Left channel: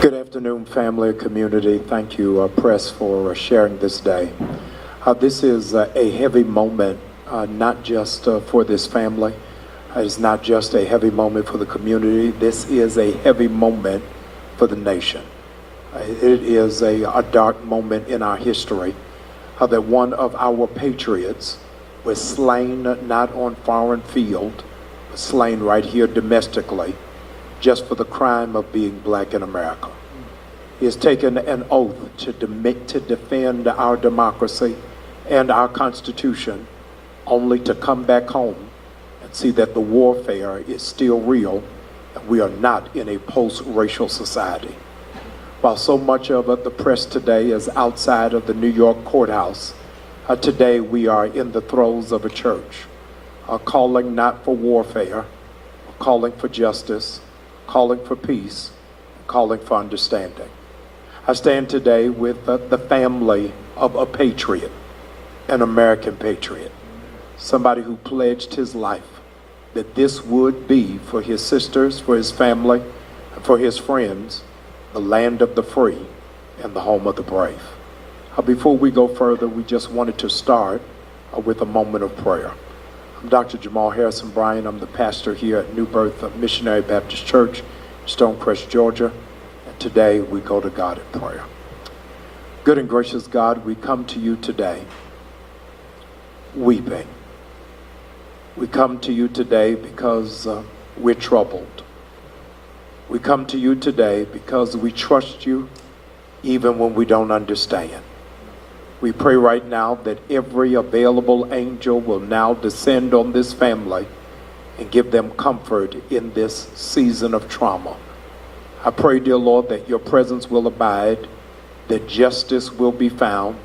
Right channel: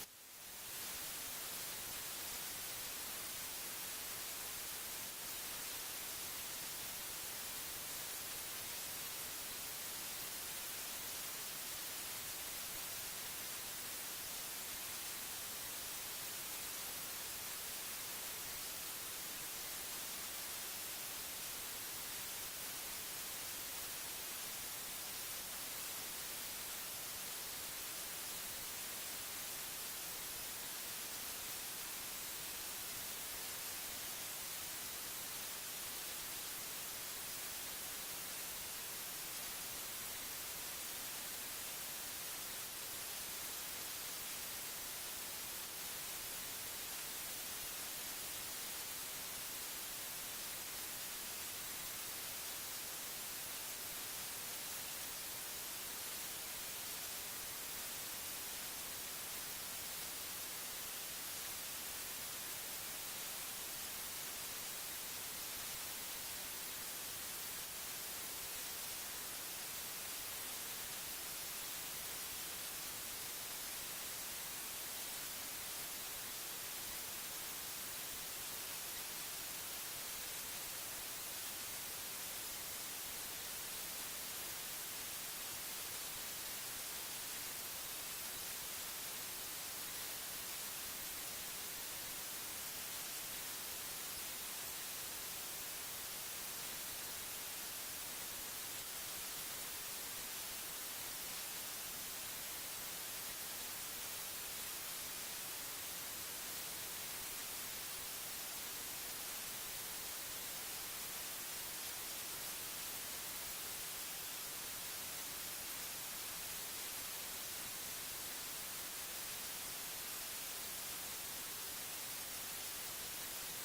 Good afternoon, family and community. Thank you, press, for sharing this day. This is a heavy moment, not just for this family. It's not just a heavy moment for the community. This is a heavy moment for the nation. It is a dark moment in our history that one of our patriots was slain not on foreign field, but slain right here domestically, just for the crime of being black in America. He has taken an oath to defend our democracy and our Constitution, only to come back home and see that the warfare is still real, and we are not in a post-racial society. While so much of the press today is outside of the New York courthouse, today we are in the throes of a church, calling not for warfare, calling for justice, calling for peace, calling for understanding. I stand today with the family of a patriot, an American patriot, somebody who pledged his life that this would be for his sisters, for his family, for his friends, the land of the free and the home of the brave. Before we go further, we just wanted to start with a moment of prayer. I'm Dr. Jamal Harrison Bryan. I'm the pastor here at New Birth Missionary Baptist Church, Stonecrest, Georgia. And today we go to God in prayer. Good and gracious God, we come to you today weeping. We come to you today because we're troubled. We come to you today because we trust you even when we don't understand. We pray right now that every available angel will now descend on this family and give them comfort in this season of trauma. I pray, dear Lord, that your presence will abide, that justice will be found,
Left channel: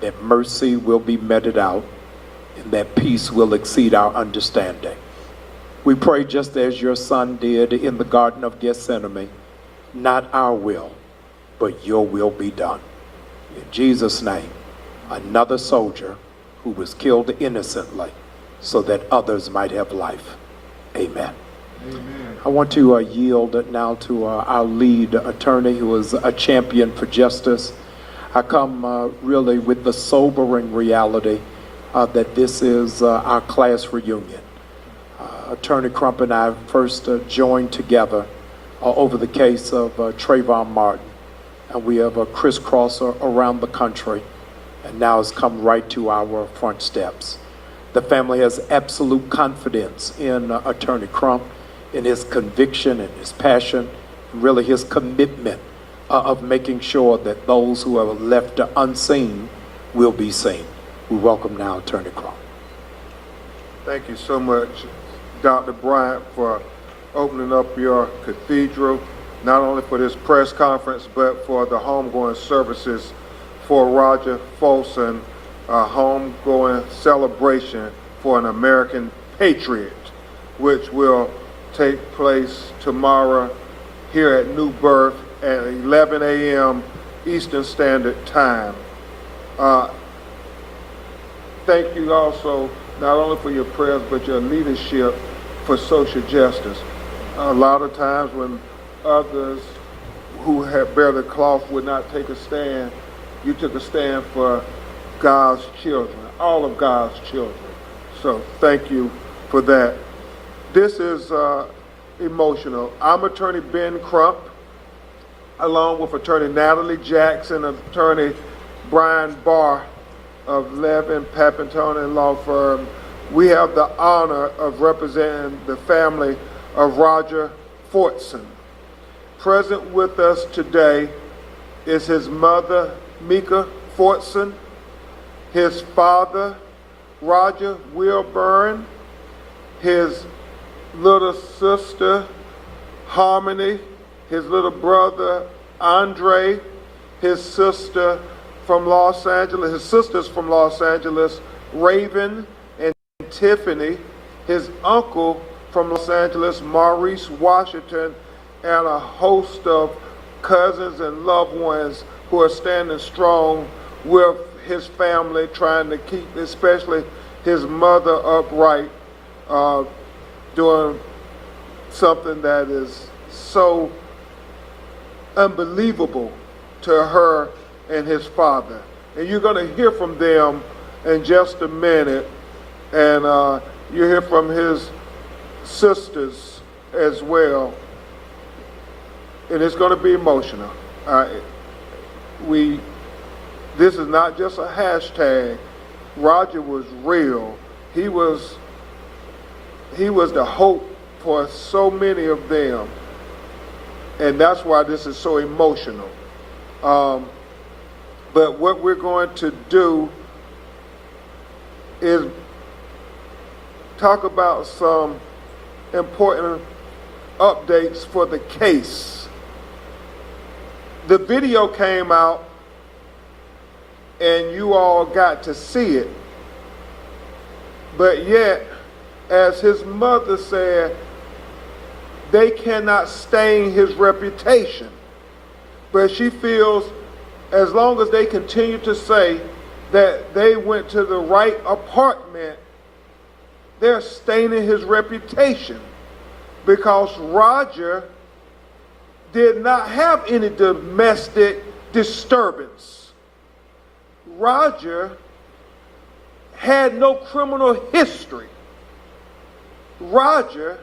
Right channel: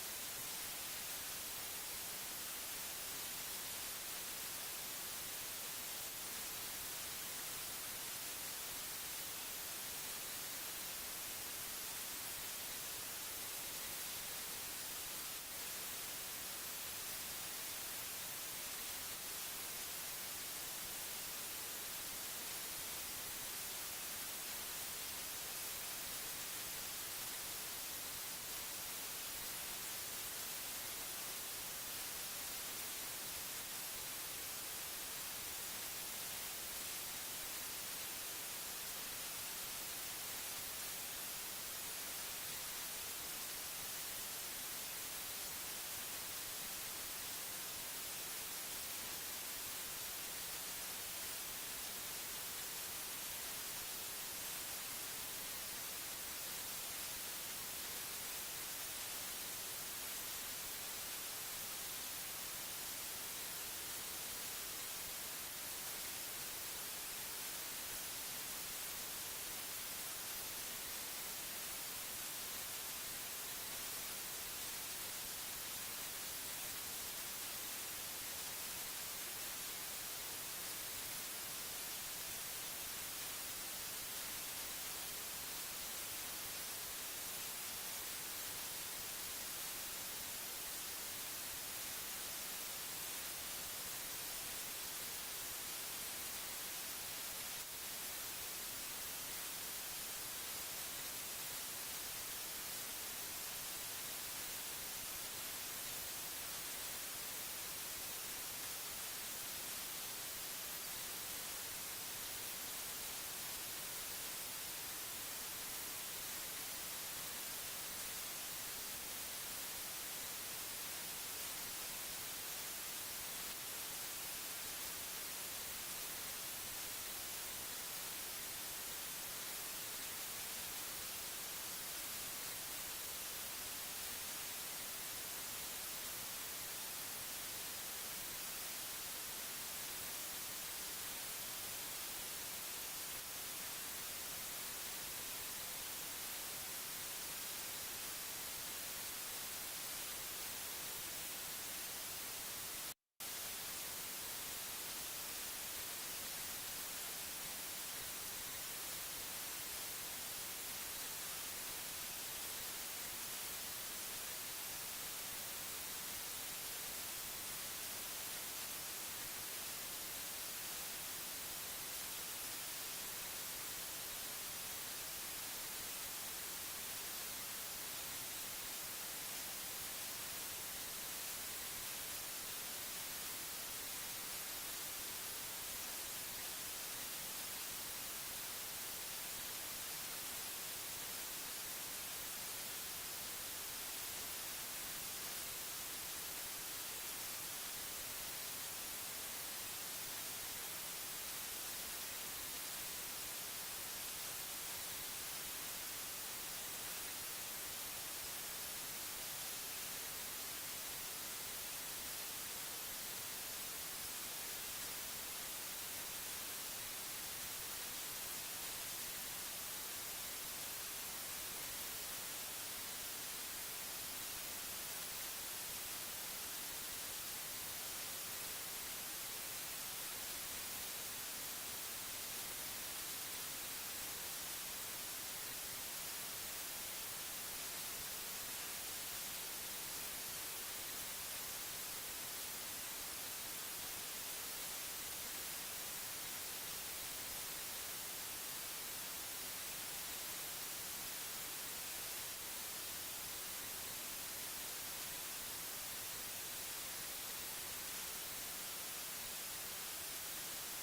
that mercy will be meted out, and that peace will exceed our understanding. We pray just as your son did in the Garden of Gethsemane, not our will, but your will be done. In Jesus' name, another soldier who was killed innocently so that others might have life. Amen. Amen. I want to yield now to our lead attorney, who is a champion for justice. I come really with the sobering reality that this is our class reunion. Attorney Crump and I first joined together over the case of Trayvon Martin, and we have crisscrossed around the country, and now has come right to our front steps. The family has absolute confidence in Attorney Crump, in his conviction and his passion, really his commitment of making sure that those who are left unseen will be seen. We welcome now Attorney Crump. Thank you so much, Dr. Bryant, for opening up your cathedral, not only for this press conference, but for the homegoing services for Roger Fortson, a homegoing celebration for an American patriot, which will take place tomorrow here at New Birth at 11 a.m. Eastern Standard Time. Thank you also, not only for your prayers, but your leadership for social justice. A lot of times when others who have bear the cloth would not take a stand, you took a stand for God's children, all of God's children. So thank you for that. This is emotional. I'm Attorney Ben Crump, along with Attorney Natalie Jackson, Attorney Brian Barr of Levin, Papantone Law Firm. We have the honor of representing the family of Roger Fortson. Present with us today is his mother, Mika Fortson, his father, Roger Wilburn, his little sister, Harmony, his little brother, Andre, his sister from Los Angeles, his sisters from Los Angeles, Raven and Tiffany, his uncle from Los Angeles, Maurice Washington, and a host of cousins and loved ones who are standing strong with his family, trying to keep especially his mother upright, doing something that is so unbelievable to her and his father. And you're going to hear from them in just a minute, and you hear from his sisters as well, and it's going to be emotional. This is not just a hashtag. Roger was real. He was the hope for so many of them, and that's why this is so emotional. But what we're going to do is talk about some important updates for the case. The video came out and you all got to see it, but yet, as his mother said, they cannot stain his reputation. But she feels as long as they continue to say that they went to the right apartment, they're staining his reputation, because Roger did not have any domestic disturbance. Roger had no criminal history. Roger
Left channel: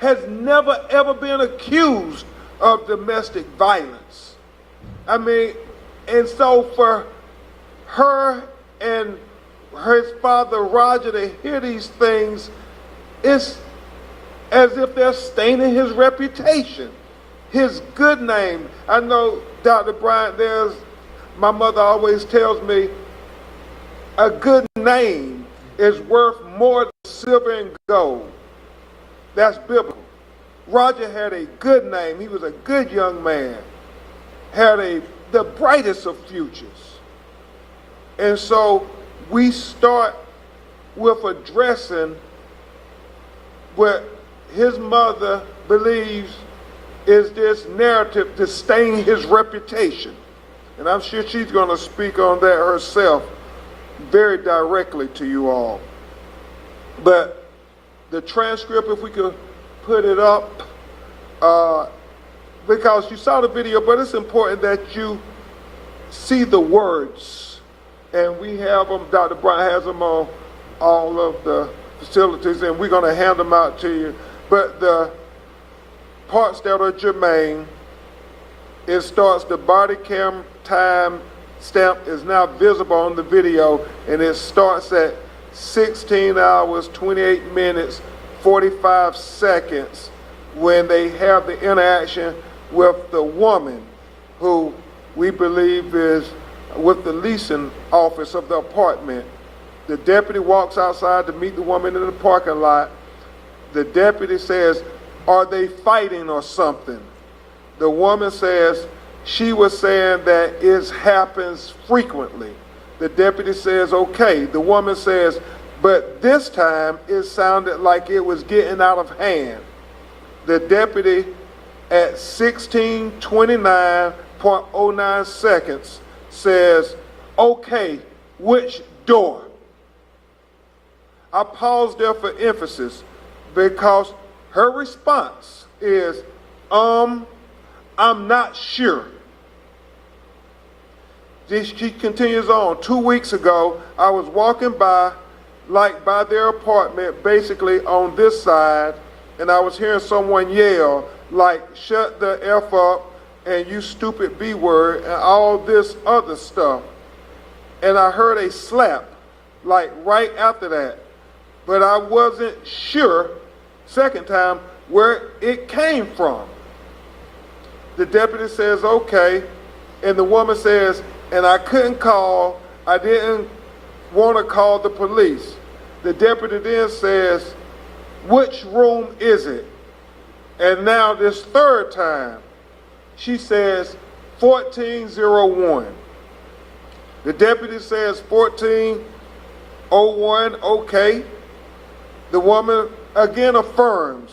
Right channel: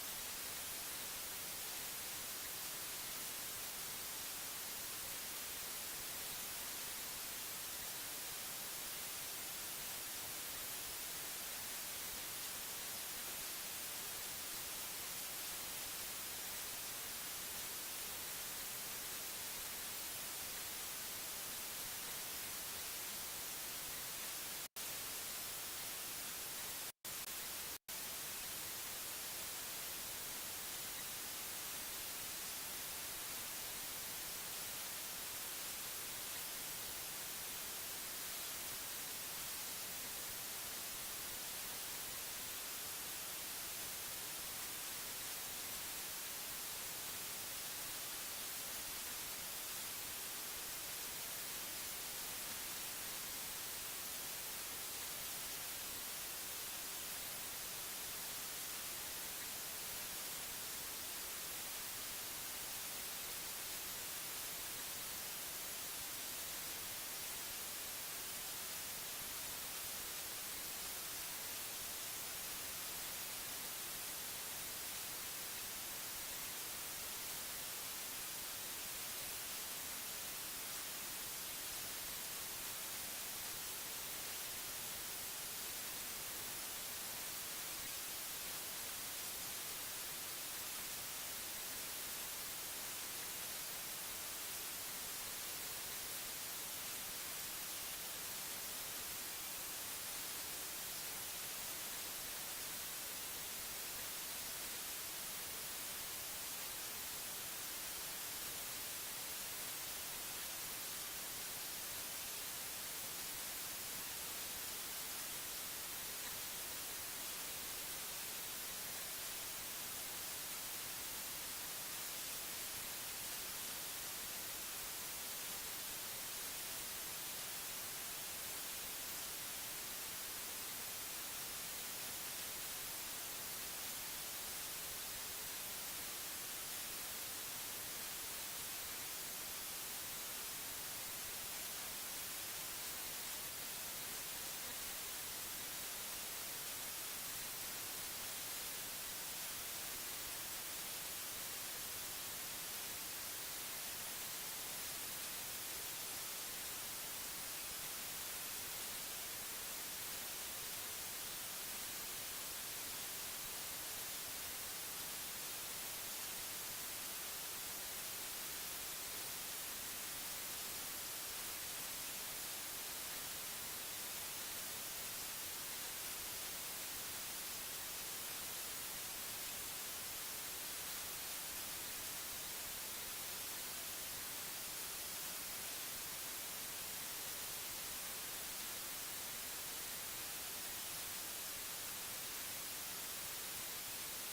has never ever been accused of domestic violence. I mean, and so for her and his father Roger to hear these things, it's as if they're staining his reputation, his good name. I know, Dr. Bryant, my mother always tells me, a good name is worth more than silver and gold. That's biblical. Roger had a good name. He was a good young man, had the brightest of futures. And so we start with addressing what his mother believes is this narrative to stain his reputation. And I'm sure she's going to speak on that herself very directly to you all. But the transcript, if we could put it up, because you saw the video, but it's important that you see the words. And we have them, Dr. Bryant has them on all of the facilities, and we're going to hand them out to you. But the parts that are germane, it starts, the body cam time stamp is now visible on the video, and it starts at 16 hours, 28 minutes, 45 seconds when they have the interaction with the woman who we believe is with the leasing office of the apartment. The deputy walks outside to meet the woman in the parking lot. The deputy says, "Are they fighting or something?" The woman says, she was saying that it happens frequently. The deputy says, okay. The woman says, but this time it sounded like it was getting out of hand. The deputy at 16:29.09 seconds says, okay, which door? I paused there for emphasis because her response is, I'm not sure. She continues on. 2 weeks ago, I was walking by their apartment, basically on this side, and I was hearing someone yell, like, shut the F up, and you stupid B word, and all this other stuff. And I heard a slap, like right after that. But I wasn't sure, second time, where it came from. The deputy says, okay, and the woman says, and I didn't want to call the police. The deputy then says, which room is it? And now this third time, She says 1401. The deputy says 1401, okay. The woman again affirms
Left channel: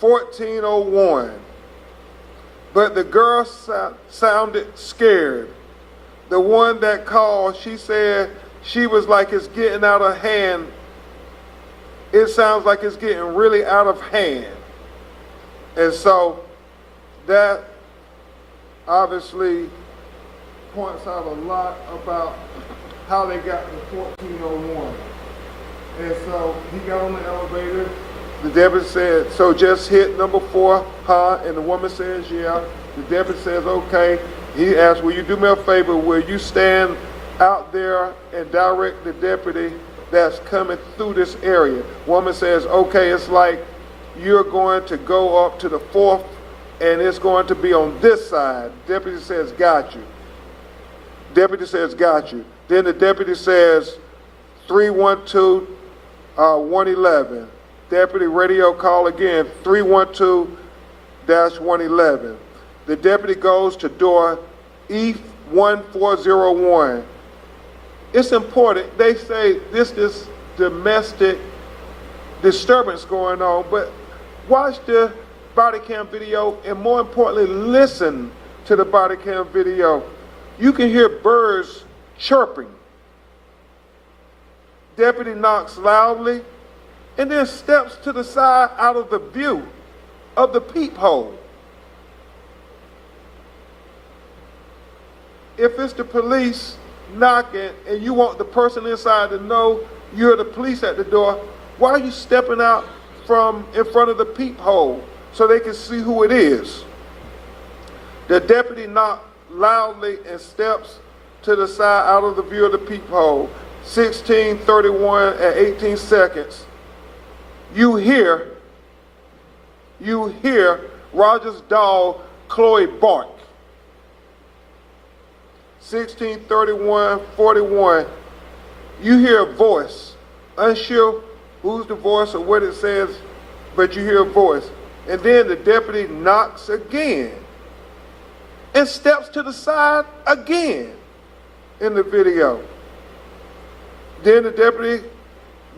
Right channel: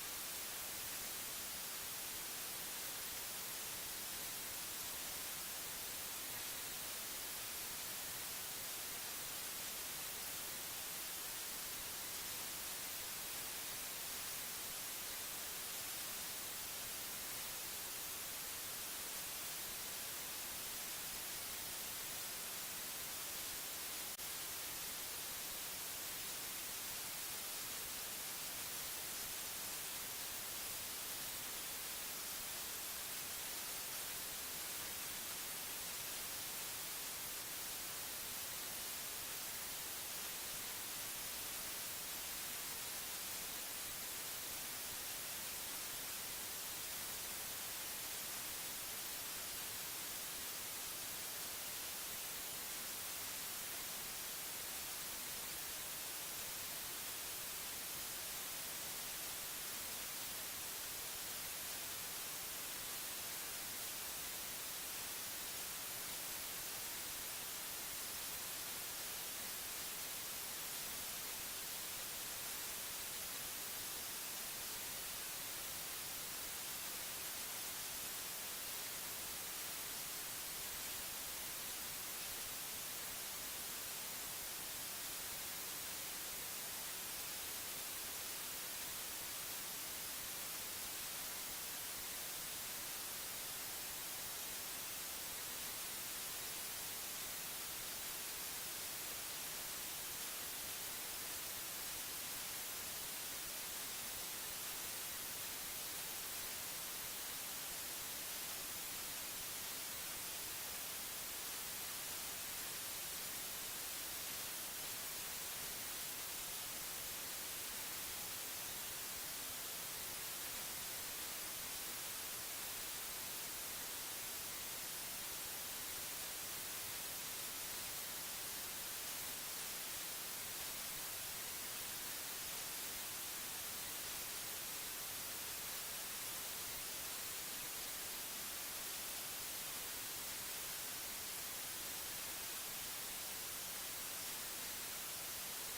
1401. But the girl sounded scared. The one that called, she said she was like it's getting out of hand. It sounds like it's getting really out of hand. And so that obviously points out a lot about how they got to 1401. And so he got on the elevator. The deputy said, so just hit number 4, huh? And the woman says, yeah. The deputy says, okay. He asked, will you do me a favor? Will you stand out there and direct the deputy that's coming through this area? Woman says, okay, it's like you're going to go up to the 4th and it's going to be on this side. Deputy says, got you. Deputy says, got you. Then the deputy says, 312-111. Deputy radio call again, 312-111. The deputy goes to door E1401. It's important. They say this is domestic disturbance going on, but watch the body cam video and more importantly, listen to the body cam video. You can hear birds chirping. Deputy knocks loudly and then steps to the side out of the view of the peephole. If it's the police knocking and you want the person inside to know you're the police at the door, why are you stepping out from in front of the peephole so they can see who it is? The deputy knocks loudly and steps to the side out of the view of the peephole. 16:31 at 18 seconds. You hear Roger's dog, Chloe, bark. 16:31:41. You hear a voice. Unsure who's the voice or what it says, but you hear a voice. And then the deputy knocks again and steps to the side again in the video. Then the deputy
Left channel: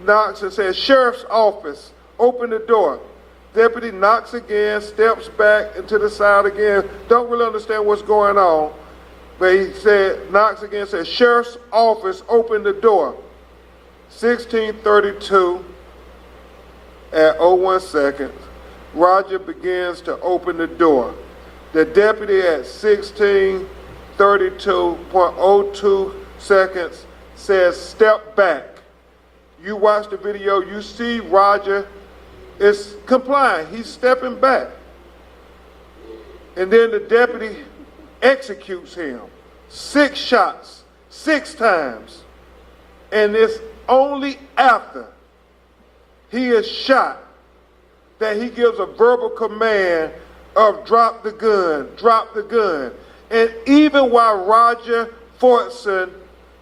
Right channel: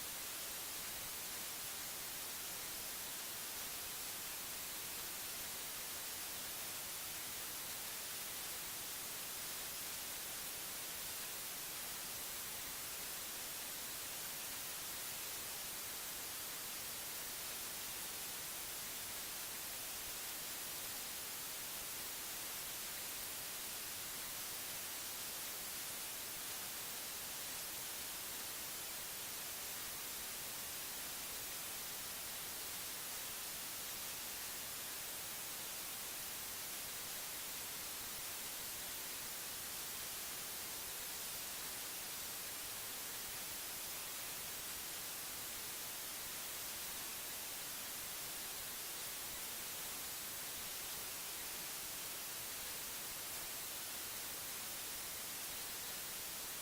knocks and says, sheriff's office, open the door. Deputy knocks again, steps back into the side again. Don't really understand what's going on. But he said, knocks again, says, sheriff's office, open the door. 16:32 at 01 seconds, Roger begins to open the door. The deputy at 16:32.02 seconds says, step back. You watch the video, you see Roger is complying. He's stepping back. And then the deputy executes him. 6 shots, 6 times. And it's only after he is shot that he gives a verbal command of drop the gun, drop the gun. And even while Roger Fortson,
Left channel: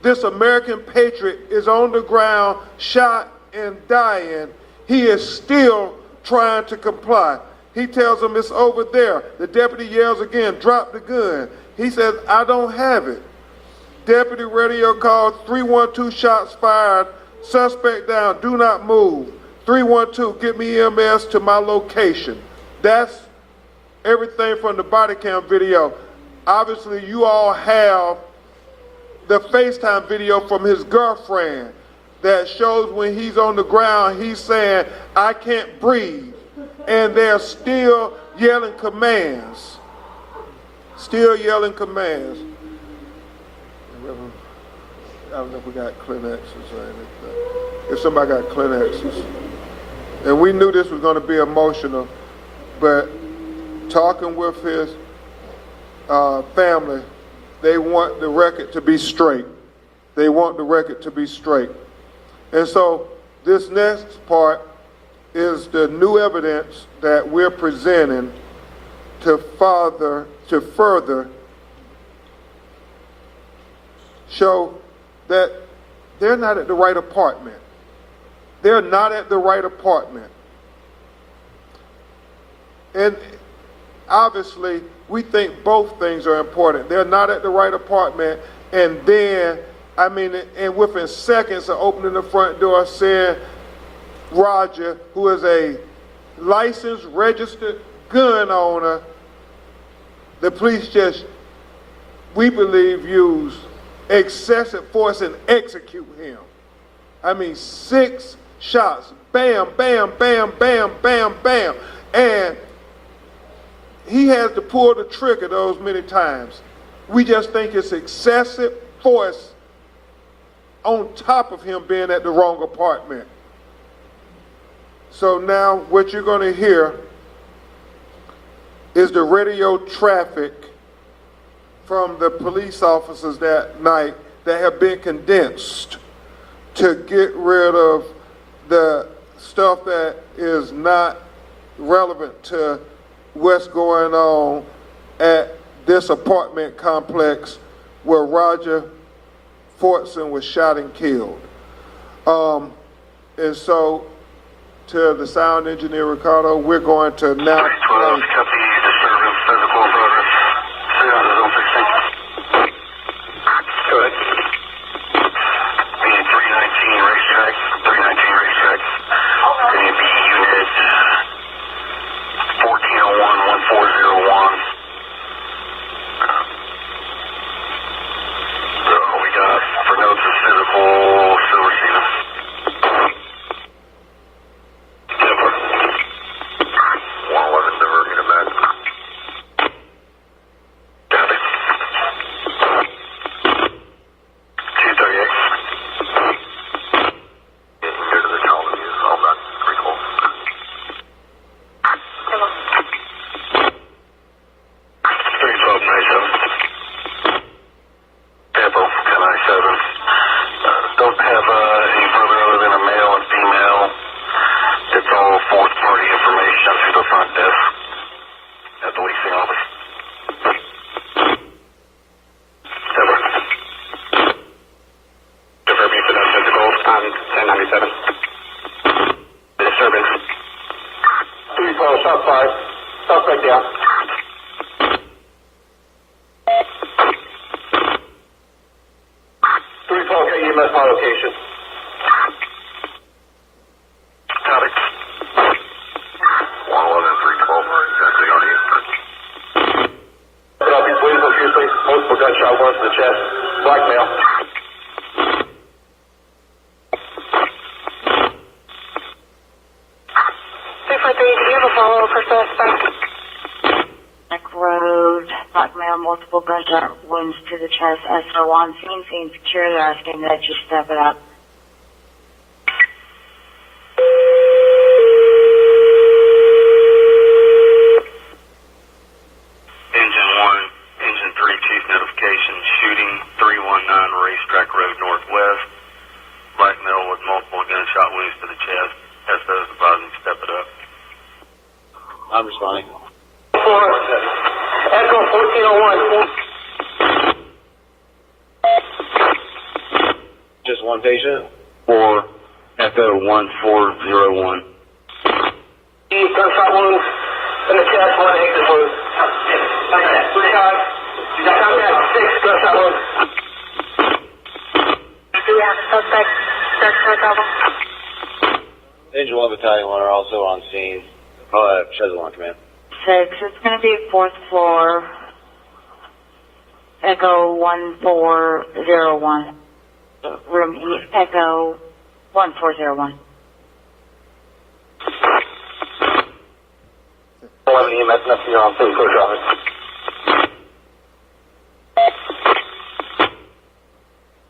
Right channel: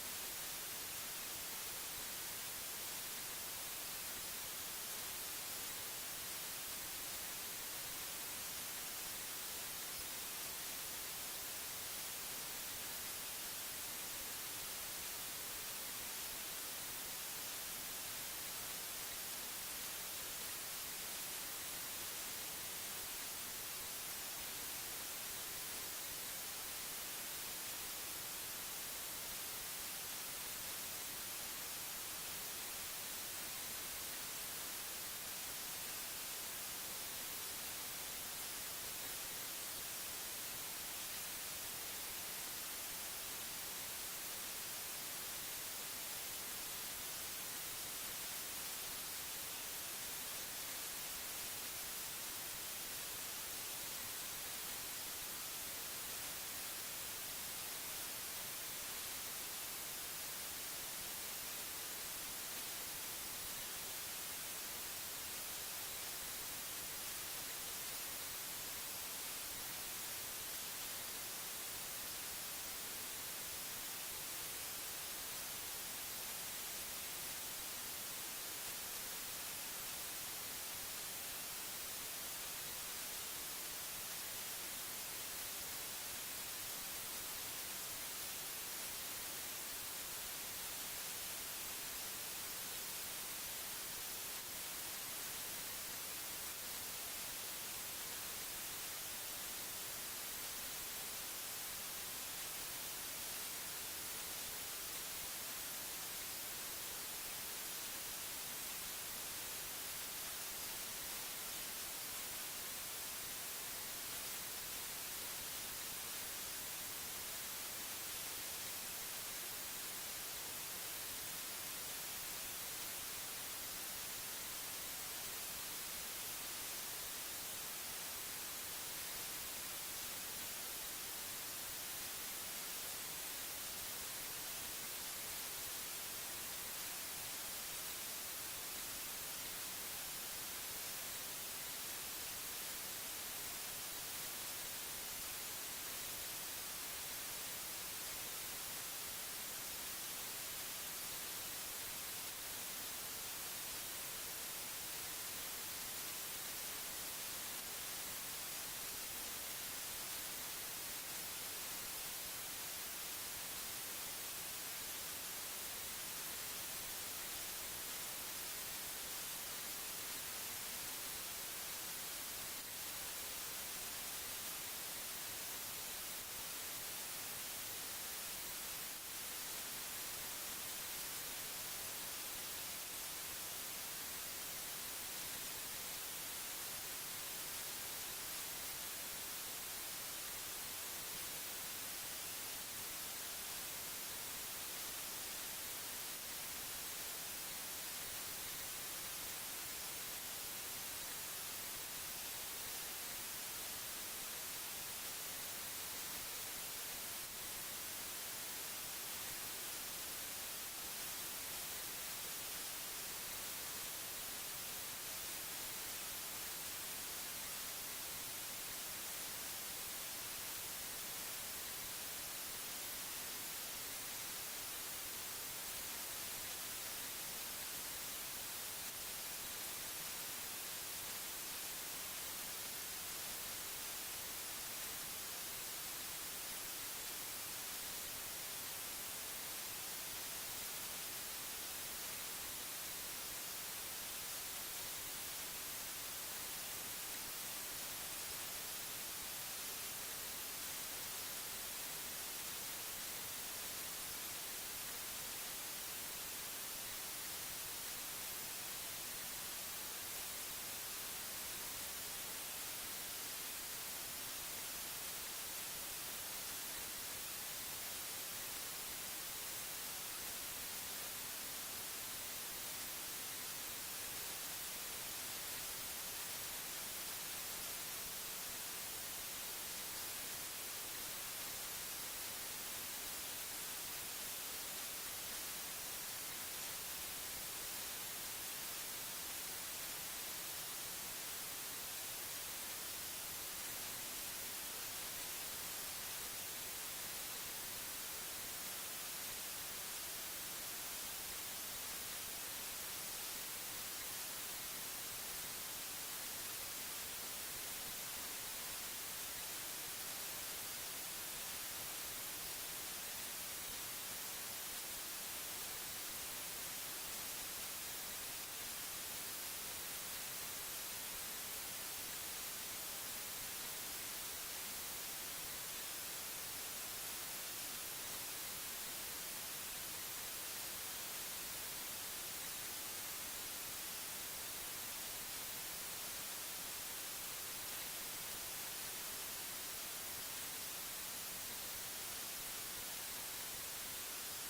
this American patriot, is on the ground, shot and dying, he is still trying to comply. He tells him it's over there. The deputy yells again, drop the gun. He says, I don't have it. Deputy radio call, 312, shots fired, suspect down, do not move. 312, get me EMS to my location. That's everything from the body cam video. Obviously, you all have the FaceTime video from his girlfriend that shows when he's on the ground, he's saying, I can't breathe. And they're still yelling commands. Still yelling commands. I don't know if we got Kleenexes or anything. If somebody got Kleenexes. And we knew this was going to be emotional, but talking with his family, they want the record to be straight. They want the record to be straight. And so this next part is the new evidence that we're presenting to further show that they're not at the right apartment. They're not at the right apartment. And obviously, we think both things are important. They're not at the right apartment, and then, and within seconds of opening the front door, saying, Roger, who is a licensed, registered gun owner, the police just, we believe, used excessive force and execute him. 6 shots, bam, bam, bam, bam, bam, bam. And he has to pull the trigger those many times. We just think it's excessive force on top of him being at the wrong apartment. So now what you're going to hear is the radio traffic from the police officers that night that have been condensed to get rid of the stuff that is not relevant to what's going on at this apartment complex where Roger Fortson was shot and killed. And so, to the sound engineer, Ricardo, we're going to now... 12, copy, disturbance, physical progress. Go ahead. Being 319 racetrack, 319 racetrack. Going to be unit 1401-1401. So we got, for notes of physical, still receiving. 111, divert unit back. Copy. 238. Getting here to the colony is all about 312. Hello. 312-97. Tempo, 1097. Don't have any further other than a male and female. It's all fourth party information through the front desk at the leasing office. Tempo. Confirming for that physical on 1097. Disturbance. 312, shot fired. Suspect down. 312, get EMS my location. Copy. 111, 312 are exactly on you. Put up, he's bleeding profusely. Multiple gunshot wounds to the chest. Blackmail. Do you have a follow for suspect? Road, blackmail, multiple gunshot wounds to the chest. SO on scene secure. They're asking that you step it up. Engine 1, Engine 3, chief notification, shooting 319 Racetrack Road Northwest. Blackmail with multiple gunshot wounds to the chest. SO's advising step it up. I'm responding. Echo 1401. Just one patient? For Echo 1401. Gunshot wounds in the chest, one exit wound. Contact 6 gunshot wounds. Do we have a suspect? Search for a double. Engine 1 Battalion 1 are also on scene. Chesil on command. 6, it's going to be 4th floor. Echo 1401. Room E, Echo 1401. 11 EMS, nothing on please go traffic.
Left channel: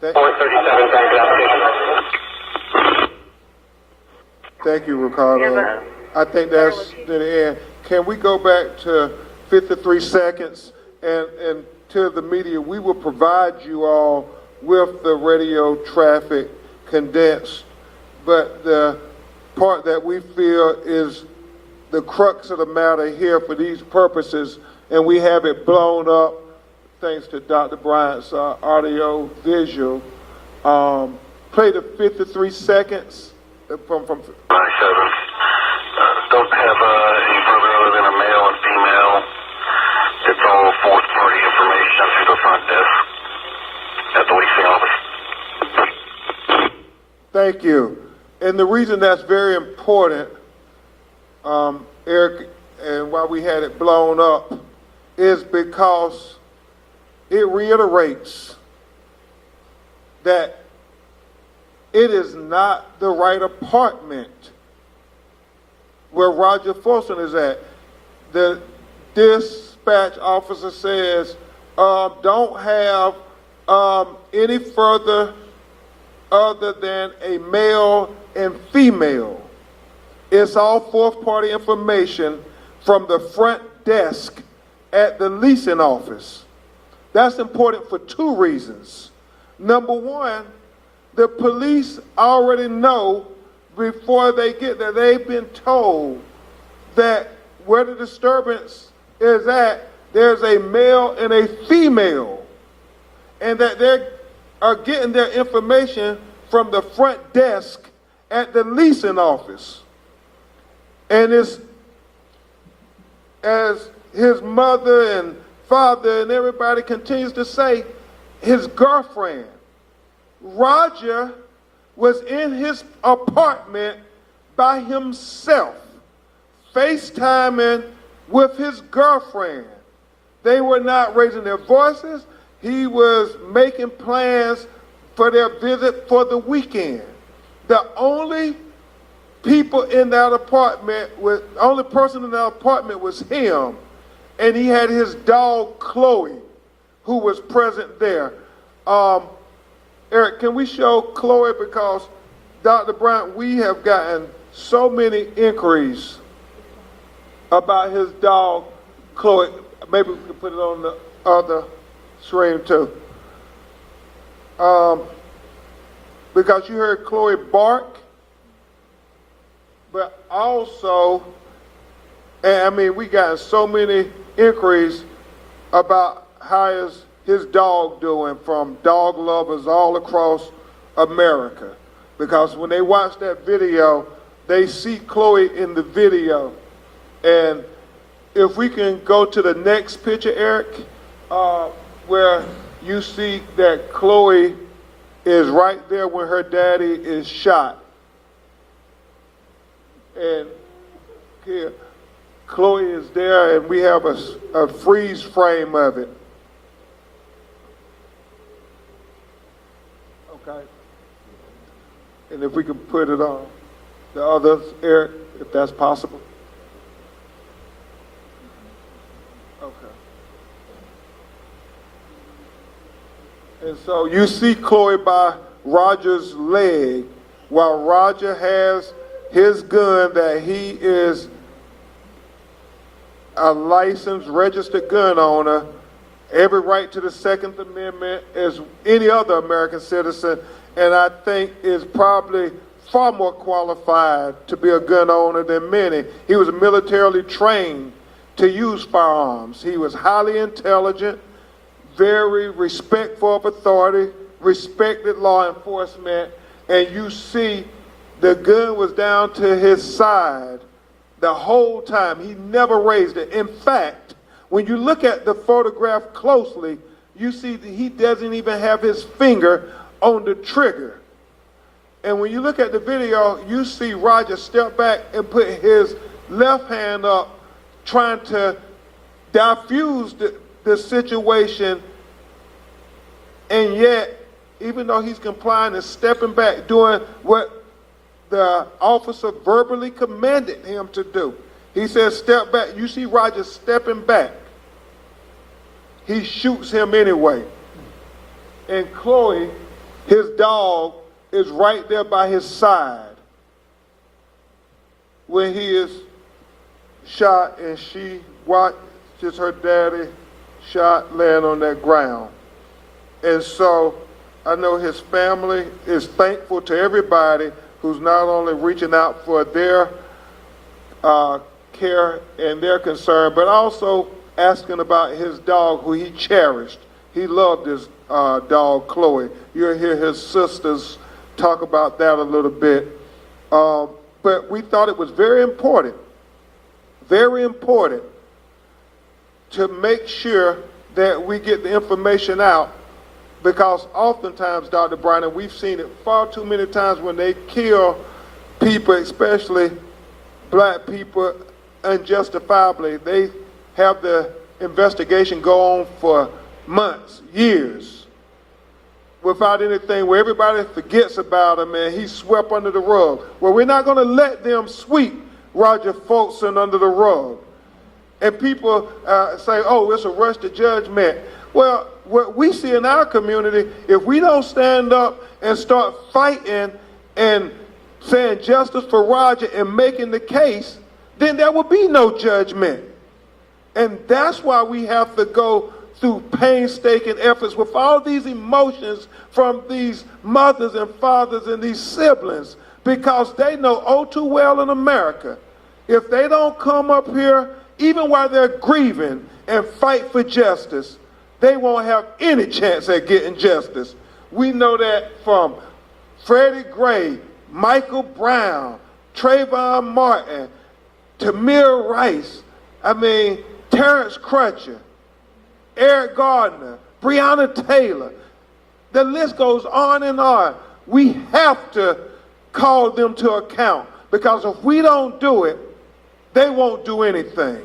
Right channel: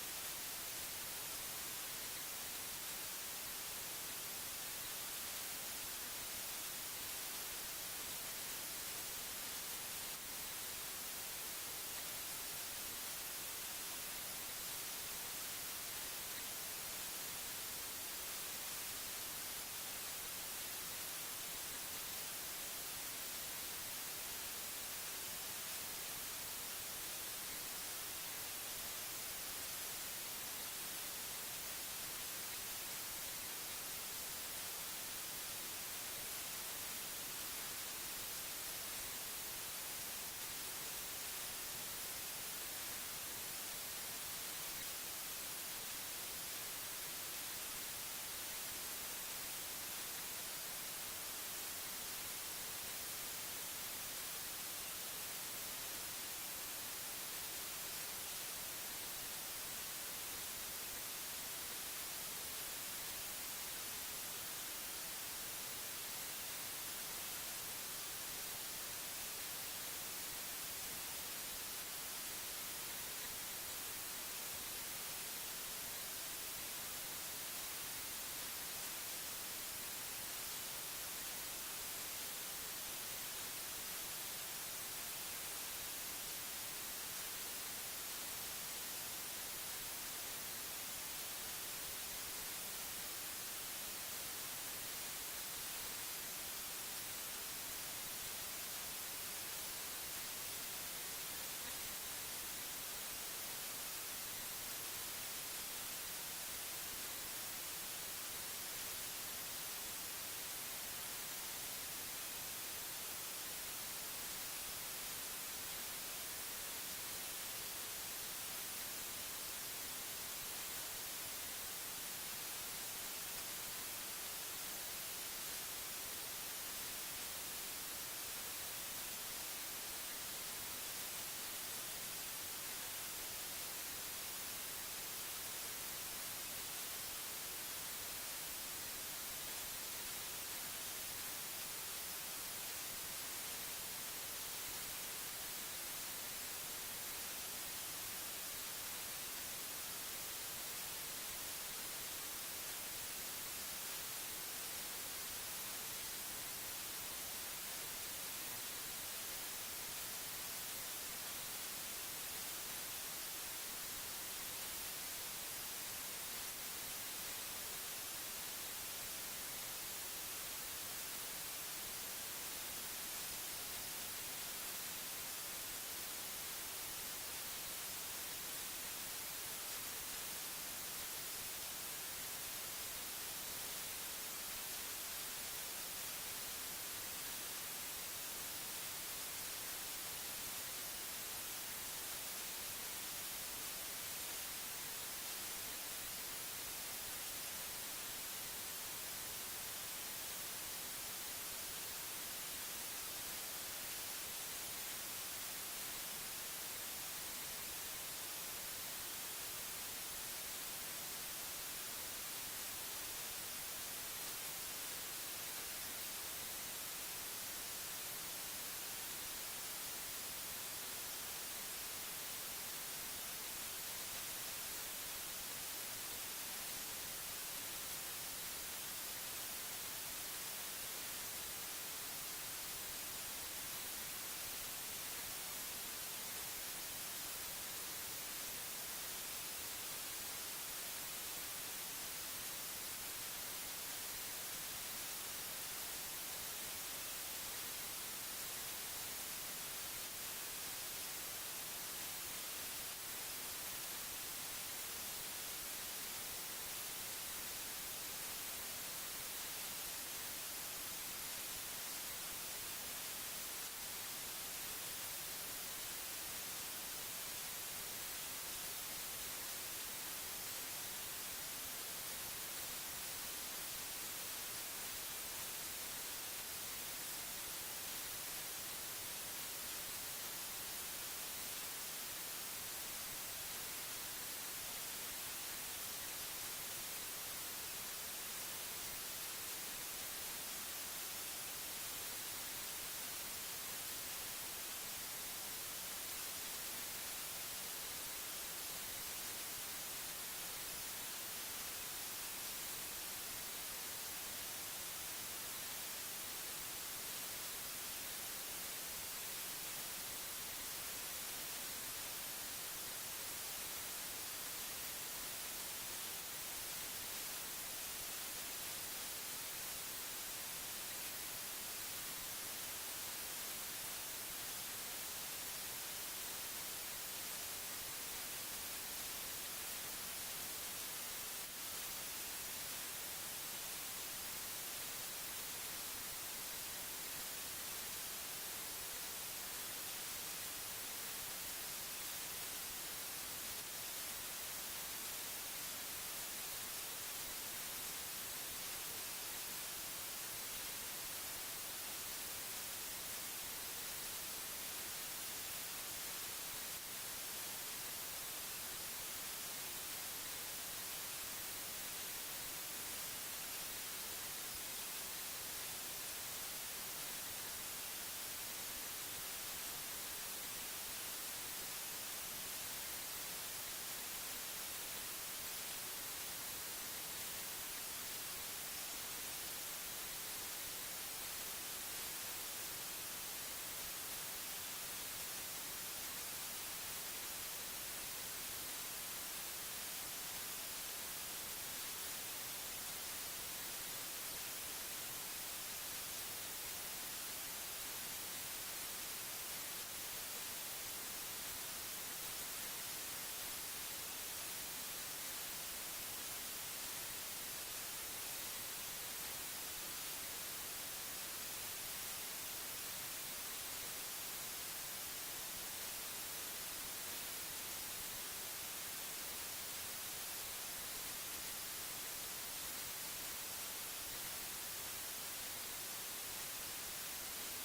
Thank- 437, thank you, application. Thank you, Ricardo. I think that's the end. Can we go back to 53 seconds and to the media? We will provide you all with the radio traffic condensed, but the part that we feel is the crux of the matter here for these purposes, and we have it blown up thanks to Dr. Bryant's audio visual. Play the 53 seconds from 97. Don't have any further other than a male and female. information through the front desk at the leasing office. Thank you. And the reason that's very important, Eric, and why we had it blown up, is because it reiterates that it is not the right apartment where Roger Fortson is at. The dispatch officer says, don't have any further other than a male and female. It's all fourth-party information from the front desk at the leasing office. That's important for two reasons. Number one, the police already know before they get there, they've been told that where the disturbance is at, there's a male and a female, and that they are getting their information from the front desk at the leasing office. And it's, as his mother and father and everybody continues to say, his girlfriend, Roger, was in his apartment by himself, FaceTiming with his girlfriend. They were not raising their voices. He was making plans for their visit for the weekend. The only people in that apartment was, the only person in that apartment was him, and he had his dog Chloe, who was present there. Eric, can we show Chloe, because Dr. Bryant, we have gotten so many inquiries about his dog Chloe. Maybe we can put it on the other screen too. Because you heard Chloe bark, but also, and I mean, we got so many inquiries about how is his dog doing from dog lovers all across America. Because when they watch that video, they see Chloe in the video. And if we can go to the next picture, Eric, where you see that Chloe is right there when her daddy is shot. And here, Chloe is there, and we have a freeze frame of it. Okay. And if we can put it on the others, Eric, if that's possible. Okay. And so you see Chloe by Roger's leg, while Roger has his gun that he is a licensed, registered gun owner, every right to the Second Amendment as any other American citizen, and I think is probably far more qualified to be a gun owner than many. He was militarily trained to use firearms. He was highly intelligent, very respectful of authority, respected law enforcement, and you see the gun was down to his side the whole time. He never raised it. In fact, when you look at the photograph closely, you see that he doesn't even have his finger on the trigger. And when you look at the video, you see Roger step back and put his left hand up, trying to diffuse the situation, and yet, even though he's complying and stepping back, doing what the officer verbally commanded him to do. He says, step back. You see Roger stepping back. He shoots him anyway. And Chloe, his dog, is right there by his side when he is shot, and she watches her daddy shot laying on that ground. And so I know his family is thankful to everybody who's not only reaching out for their care and their concern, but also asking about his dog, who he cherished. He loved his dog, Chloe. You'll hear his sisters talk about that a little bit. But we thought it was very important to make sure that we get the information out, because oftentimes, Dr. Bryan, we've seen it far too many times when they kill people, especially black people, unjustifiably. They have the investigation go on for months, years, without anything, where everybody forgets about him and he's swept under the rug. Well, we're not going to let them sweep Roger Fortson under the rug. And people say, oh, it's a rush to judgment. Well, what we see in our community, if we don't stand up and start fighting and saying justice for Roger and making the case, then there will be no judgment. And that's why we have to go through painstaking efforts with all these emotions from these mothers and fathers and these siblings, because they know oh too well in America, if they don't come up here, even while they're grieving, and fight for justice, they won't have any chance at getting justice. We know that from Freddie Gray, Michael Brown, Trayvon Martin, Tamir Rice, Terrence Crutcher, Eric Gardner, Breonna Taylor. The list goes on and on. We have to call them to account, because if we don't do it, they won't do anything.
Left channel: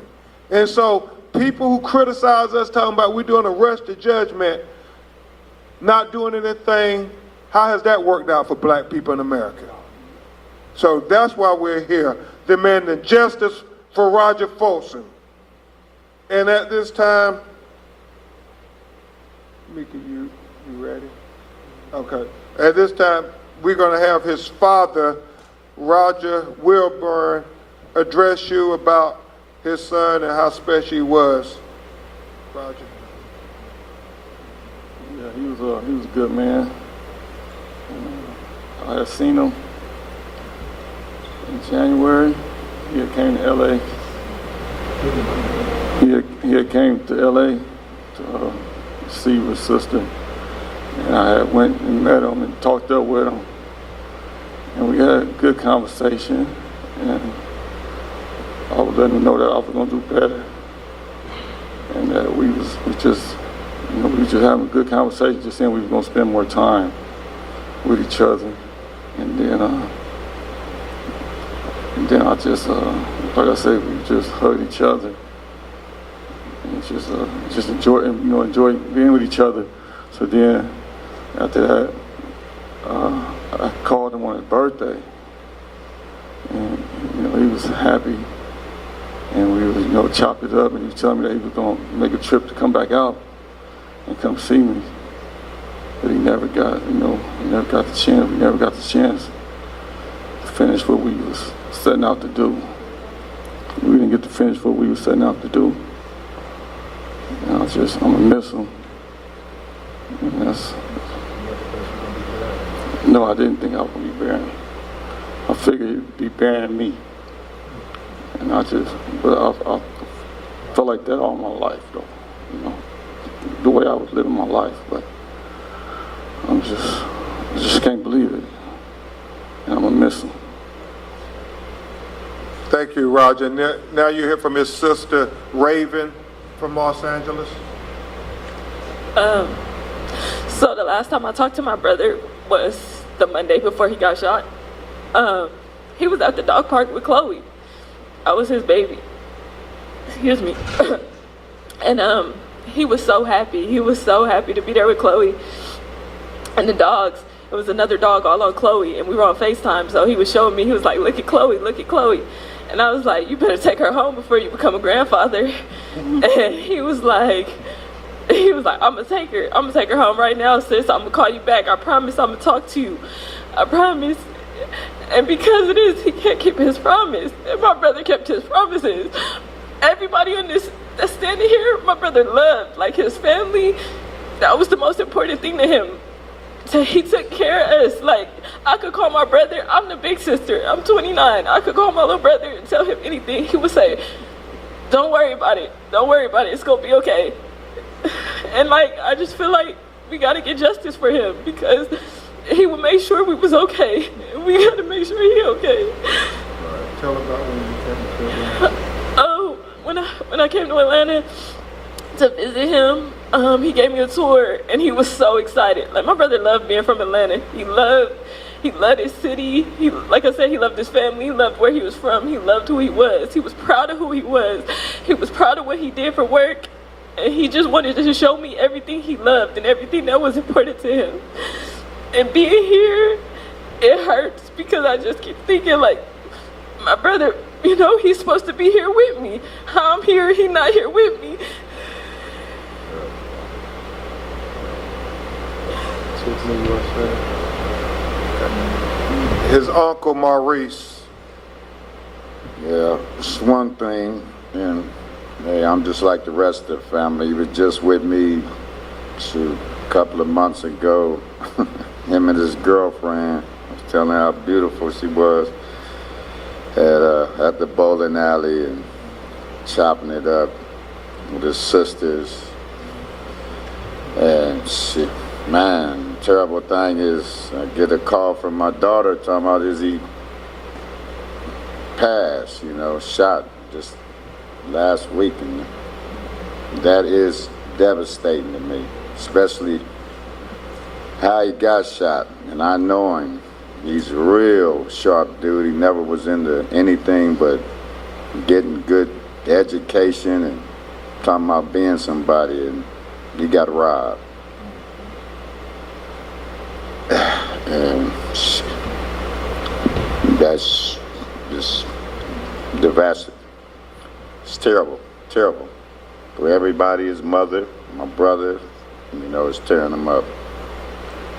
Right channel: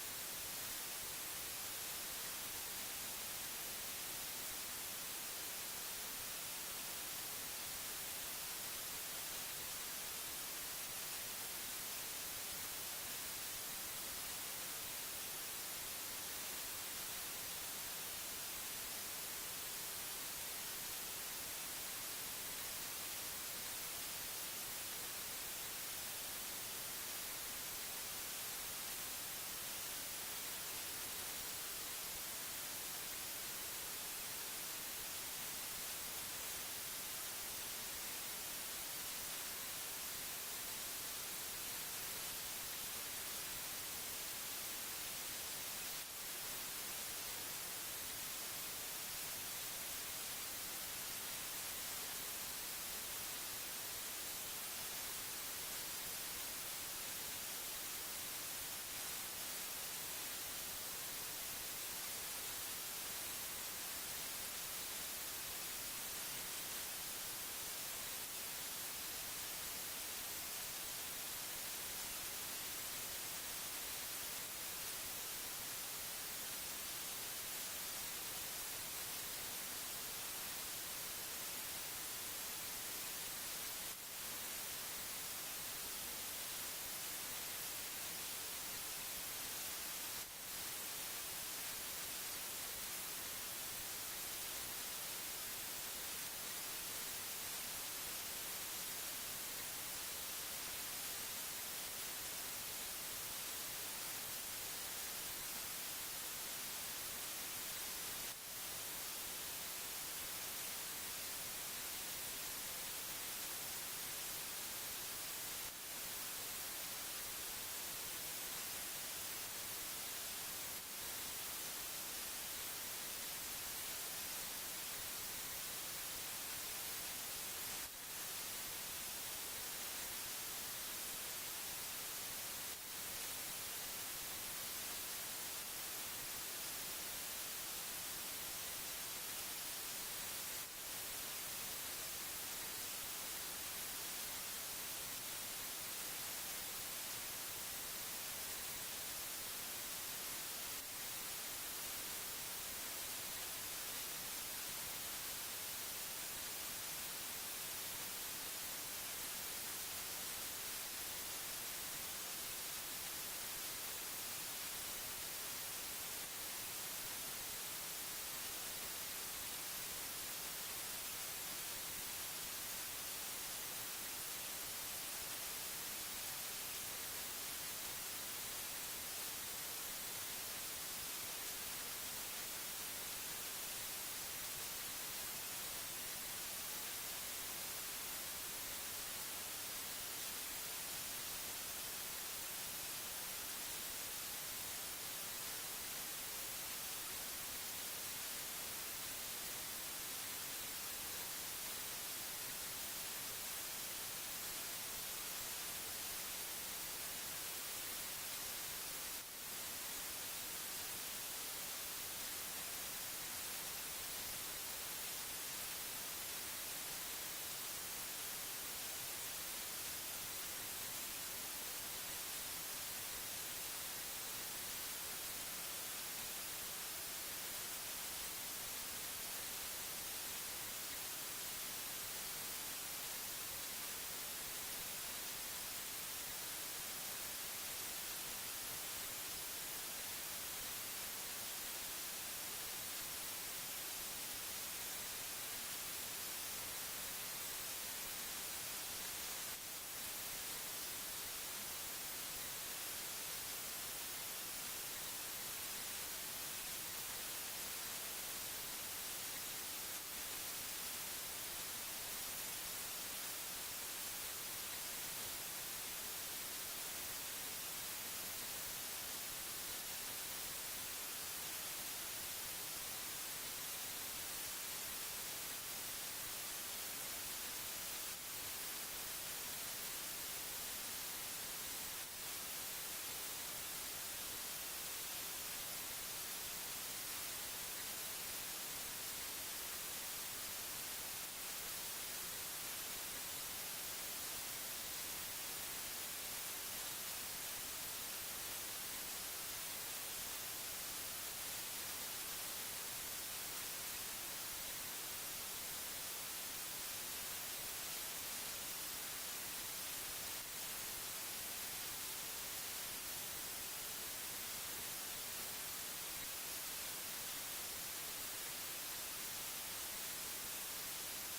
And so people who criticize us talking about we're doing a rush to judgment, not doing anything, how has that worked out for black people in America? So that's why we're here, demanding justice for Roger Fortson. And at this time, Mika, you ready? Okay. At this time, we're going to have his father, Roger Wilburn, address you about his son and how special he was. Roger. Yeah, he was a good man. I had seen him in January. He had came to LA. He had came to LA to see his sister. And I had went and met him and talked up with him. And we had a good conversation. And I was letting him know that I was going to do better. And that we just having a good conversation, just saying we was going to spend more time with each other. And then I just, like I said, we just hugged each other. And just enjoy being with each other. So then, after that, I called him on his birthday. And, he was happy. And we would, chop it up, and he was telling me that he was going to make a trip to come back out and come see me. But he never got, he never got the chance. We never got the chance to finish what we was setting out to do. We didn't get to finish what we was setting out to do. And I'm gonna miss him. And no, I didn't think I was gonna be burying him. I figured he'd be burying me. And I felt like that all my life, though, the way I was living my life. But I just can't believe it. And I'm gonna miss him. Thank you, Roger. Now you hear from his sister, Raven, from Los Angeles. So the last time I talked to my brother was the Monday before he got shot. He was at the dog park with Chloe. I was his baby. Excuse me. And he was so happy. He was so happy to be there with Chloe and the dogs. There was another dog all on Chloe, and we were on FaceTime, so he was showing me, he was like, look at Chloe, look at Chloe. And I was like, you better take her home before you become a grandfather. And he was like, I'm gonna take her home right now, sis. I'm gonna call you back. I promise I'm gonna talk to you. I promise. And because of this, he can't keep his promise. And my brother kept his promises. Everybody on this that's standing here, my brother loved, like his family. That was the most important thing to him. So he took care of us. Like, I could call my brother, I'm the big sister, I'm 29. I could call my little brother and tell him anything. He would say, don't worry about it. Don't worry about it. It's gonna be okay. And I just feel like we gotta get justice for him, because he would make sure we was okay. And we gotta make sure he okay. All right. Tell about when you came to Atlanta. Oh, when I came to Atlanta to visit him, He gave me a tour, and he was so excited. Like, my brother loved being from Atlanta. He loved his city. Like I said, he loved his family. He loved where he was from. He loved who he was. He was proud of who he was. He was proud of what he did for work. And he just wanted to show me everything he loved and everything that was important to him. And being here, it hurts because I just keep thinking, like, my brother, you know, he's supposed to be here with me. I'm here, he's not here with me. His uncle Maurice. Yeah, it's one thing, and hey, I'm just like the rest of the family. He was just with me a couple of months ago. Him and his girlfriend. I was telling her how beautiful she was at the bowling alley and chopping it up with his sisters. And man, terrible thing is I get a call from my daughter talking about is he passed, you know, shot just last week, and that is devastating to me, especially how he got shot. And I know him. He's a real sharp dude. He never was into anything but getting good education and talking about being somebody, and he got robbed. And that's just devastating. It's terrible, terrible. For everybody, his mother, my brother, you know, it's tearing them up.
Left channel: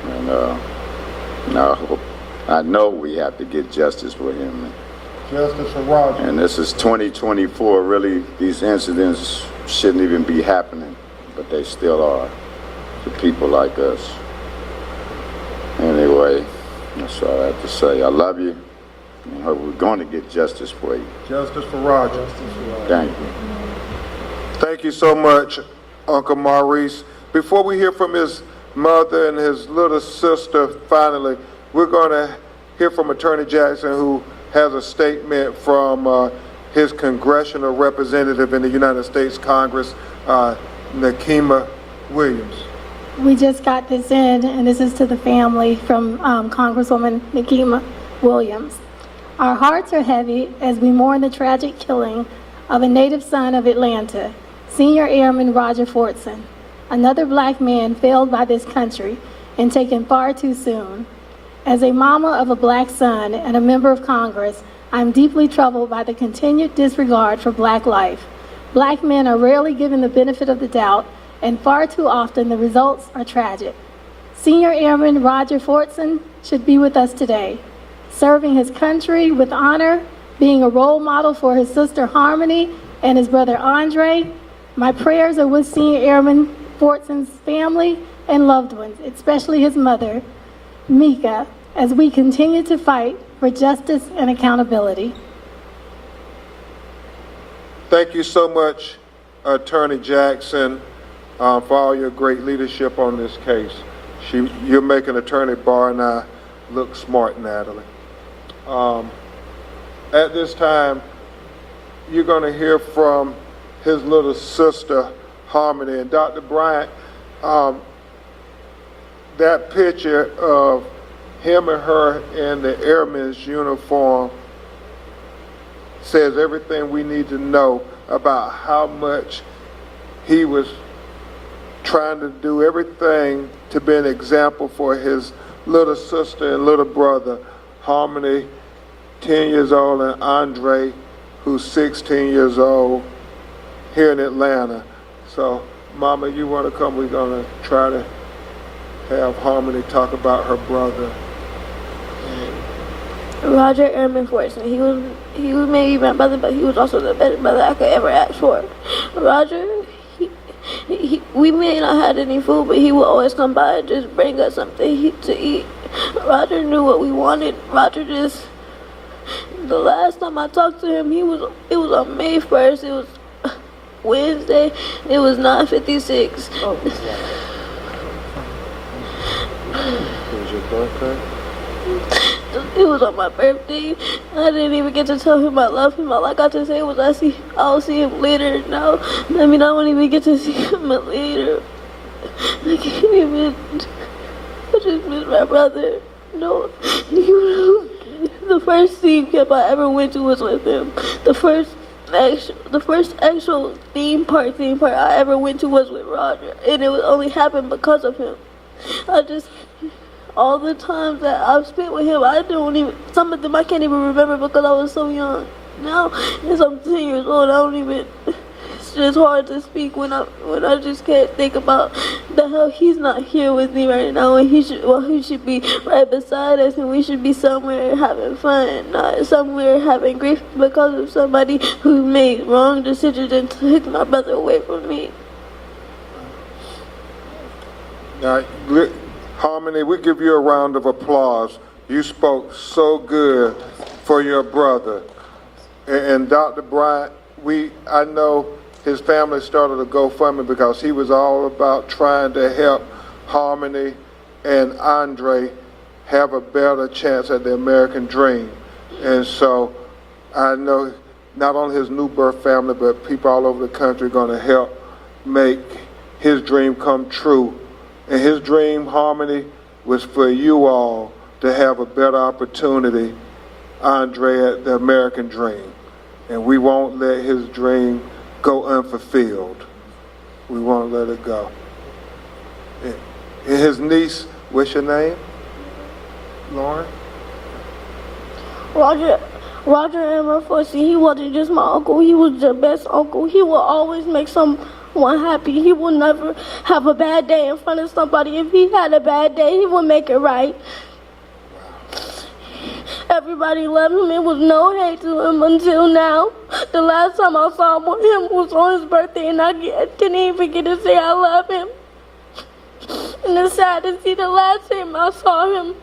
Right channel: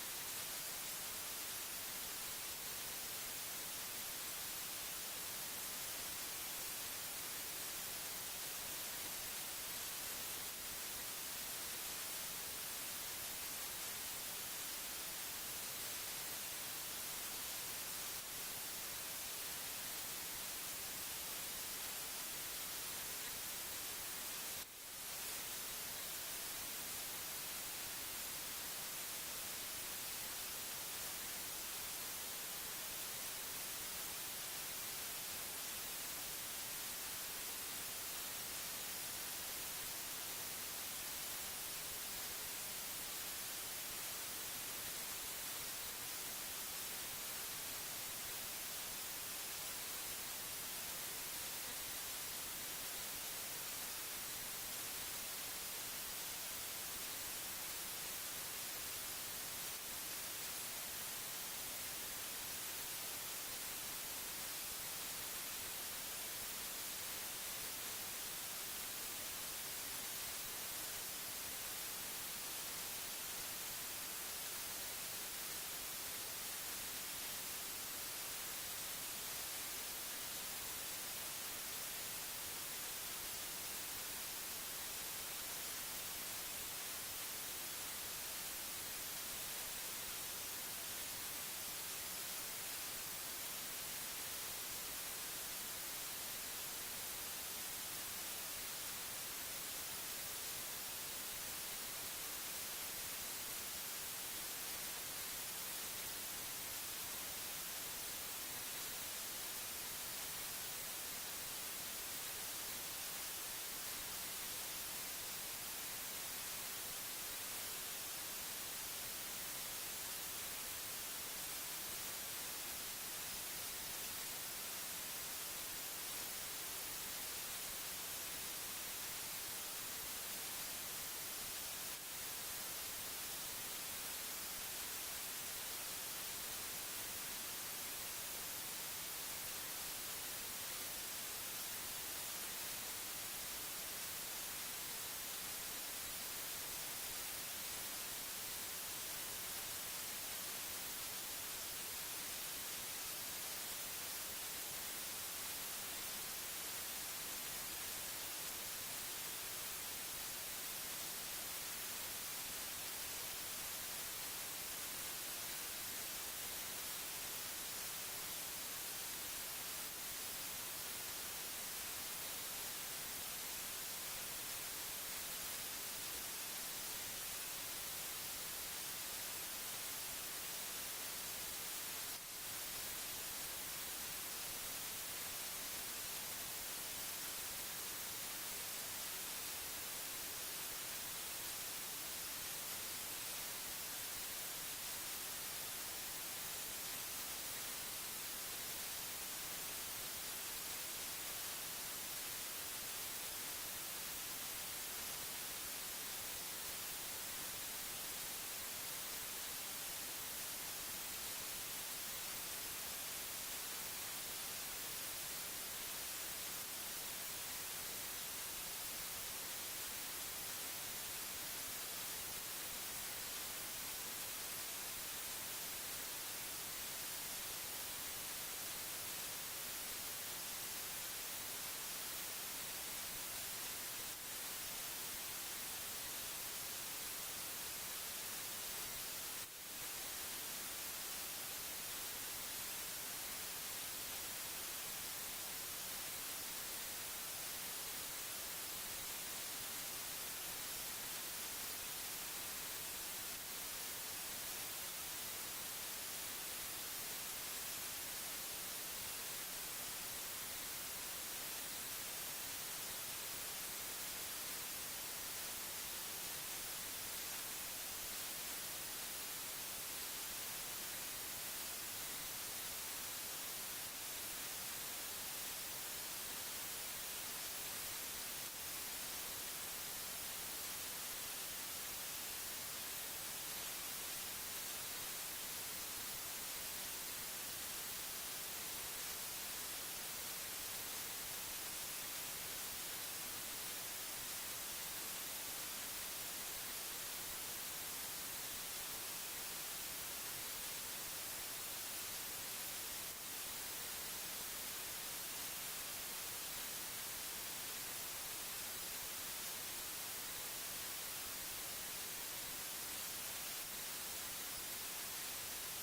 And I know we have to get justice for him. Justice for Roger. And this is 2024. Really, these incidents shouldn't even be happening, but they still are to people like us. Anyway, that's all I have to say. I love you. And hope we're going to get justice for you. Justice for Roger. Thank you. Thank you so much, Uncle Maurice. Before we hear from his mother and his little sister, finally, we're going to hear from Attorney Jackson, who has a statement from his congressional representative in the United States Congress, Nakima Williams. We just got this in, and this is to the family from Congresswoman Nakima Williams. Our hearts are heavy as we mourn the tragic killing of a native son of Atlanta, Senior Airman Roger Fortson, another black man failed by this country and taken far too soon. As a mama of a black son and a member of Congress, I'm deeply troubled by the continued disregard for black life. Black men are rarely given the benefit of the doubt, and far too often the results are tragic. Senior Airman Roger Fortson should be with us today, serving his country with honor, being a role model for his sister Harmony and his brother Andre. My prayers are with Senior Airman Fortson's family and loved ones, especially his mother, Mika, as we continue to fight for justice and accountability. Thank you so much, Attorney Jackson, for all your great leadership on this case. You're making Attorney Barr and I look smart, Natalie. At this time, you're going to hear from his little sister, Harmony. And Dr. Bryant, that picture of him and her in the airman's uniform says everything we need to know about how much he was trying to do everything to be an example for his little sister and little brother, Harmony, 10 years old, and Andre, who's 16 years old, here in Atlanta. So, Mama, you want to come? We're going to try to have Harmony talk about her brother. Roger Airman Fortson. He was maybe my brother, but he was also the best brother I could ever ask for. Roger, we may not have any food, but he would always come by and just bring us something to eat. Roger knew what we wanted. The last time I talked to him, it was on May 1st. It was Wednesday. It was 9:56. Oh, it was your birthday? It was on my birthday. I didn't even get to tell him I love him. All I got to say was I'll see him later. No, I won't even get to see him later. I can't even. I just miss my brother. No, you know, the first theme camp I ever went to was with him. The first actual theme park I ever went to was with Roger, and it only happened because of him. All the times that I've spent with him, some of them I can't even remember because I was so young. Now, as I'm 10 years old, it's just hard to speak when I just can't think about the hell he's not here with me right now, and he should be right beside us, and we should be somewhere having fun, not somewhere having grief because of somebody who made wrong decisions and took my brother away from me. Now, Harmony, we give you a round of applause. You spoke so good for your brother. And Dr. Bryant, I know his family started a GoFundMe because he was all about trying to help Harmony and Andre have a better chance at the American dream. And so I know not only his new birth family, but people all over the country are going to help make his dream come true. And his dream, Harmony, was for you all to have a better opportunity, Andre, at the American dream. And we won't let his dream go unfulfilled. We won't let it go. And his niece, what's your name? Lauren? Roger and Fortson, he wasn't just my uncle, he was the best uncle. He will always make someone happy. He will never have a bad day in front of somebody. If he had a bad day, he would make it right. Everybody loved him. It was no hate to him until now. The last time I saw him was on his birthday, and I didn't even get to say I love him. And it's sad to see the last time I saw him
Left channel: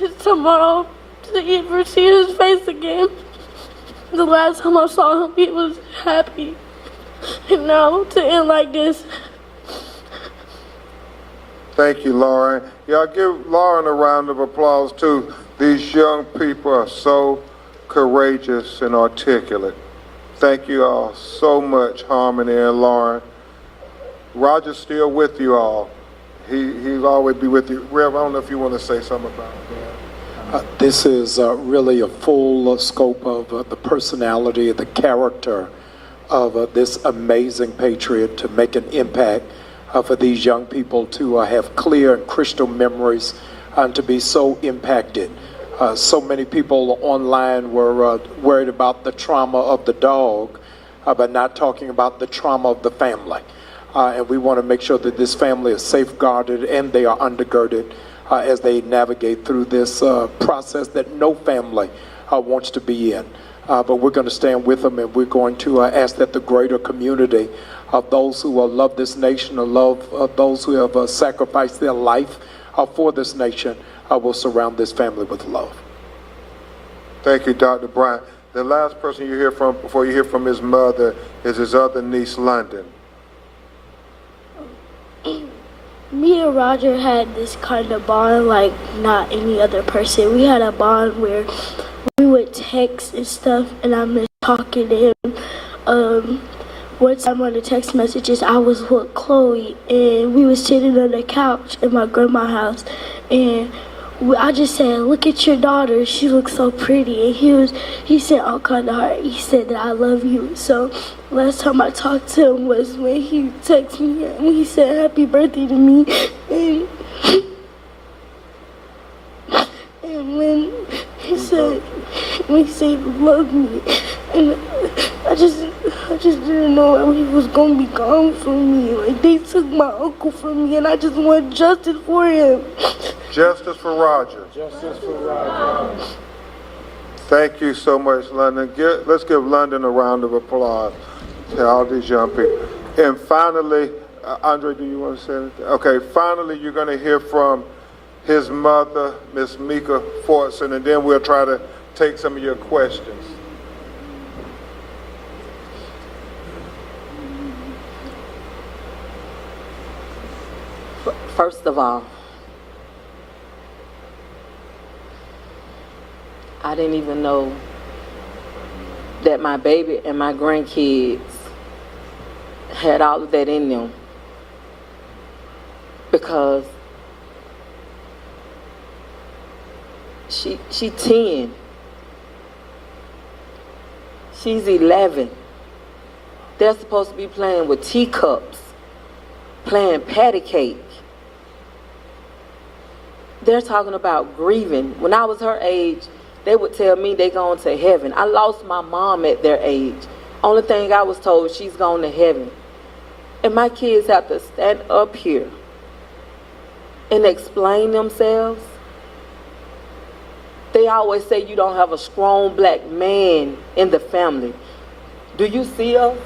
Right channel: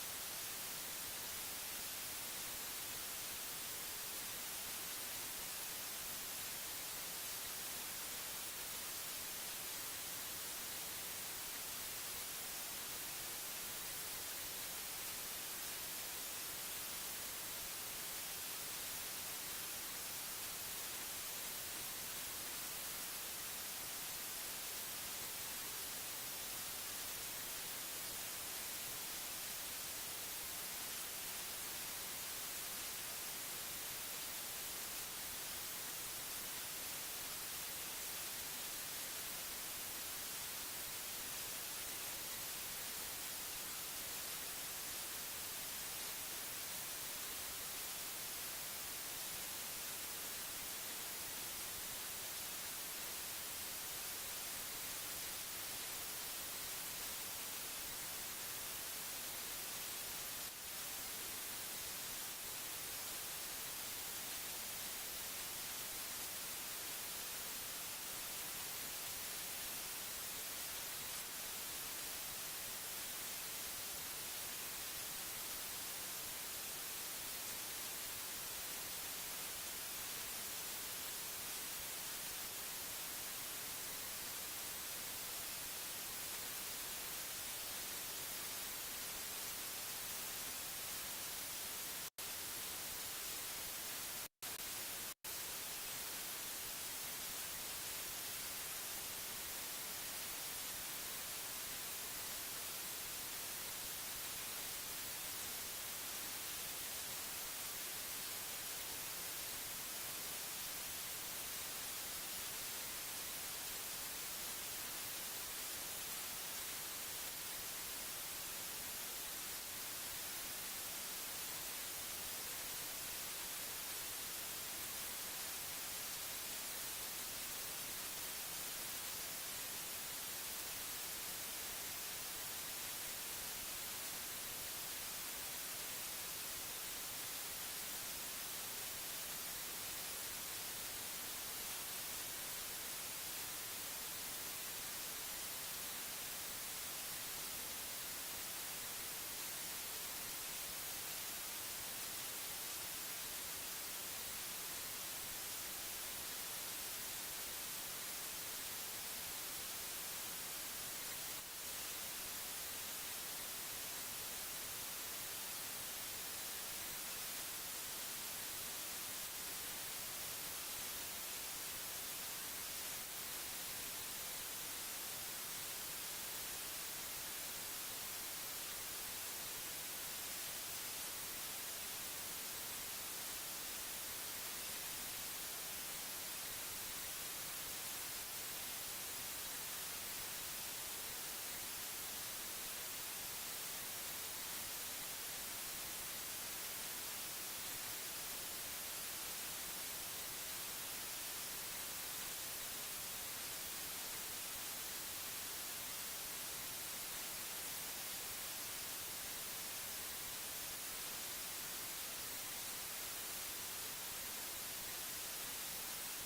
is tomorrow, to ever see his face again. The last time I saw him, he was happy. And now to end like this. Thank you, Lauren. Y'all give Lauren a round of applause, too. These young people are so courageous and articulate. Thank you all so much, Harmony and Lauren. Roger's still with you all. He'll always be with you. Rev, I don't know if you want to say something about that. This is really a full scope of the personality, the character of this amazing patriot to make an impact for these young people to have clear and crystal memories and to be so impacted. So many people online were worried about the trauma of the dog, but not talking about the trauma of the family. And we want to make sure that this family is safeguarded and they are undergirded as they navigate through this process that no family wants to be in. But we're going to stand with them, and we're going to ask that the greater community of those who love this nation, or love those who have sacrificed their life for this nation, will surround this family with love. Thank you, Dr. Bryant. The last person you hear from before you hear from his mother is his other niece, London. Me and Roger had this kind of bond like not any other person. We had a bond where we would text and stuff, and I miss talking to him. One time on the text messages, I was with Chloe, and we was sitting on the couch in my grandma's house, and I just said, "Look at your daughter, she looks so pretty." And he said all kind of heart. He said that I love you. So last time I talked to him was when he texted me and he said happy birthday to me. And when he said he loved me, and I just didn't know he was gonna be gone from me. Like, they took my uncle from me, and I just want justice for him. Justice for Roger. Justice for Roger. Thank you so much, London. Let's give London a round of applause to all these young people. And finally, Andre, do you want to say anything? Okay, finally, you're going to hear from his mother, Miss Mika Fortson, and then we'll try to take some of your questions. First of all, I didn't even know that my baby and my grandkids had all of that in them. because she 10. She's 11. They're supposed to be playing with teacups, playing patty cake. They're talking about grieving. When I was her age, they would tell me they going to heaven. I lost my mom at their age. Only thing I was told, she's going to heaven. And my kids have to stand up here and explain themselves. They always say you don't have a strong black man in the family. Do you see us?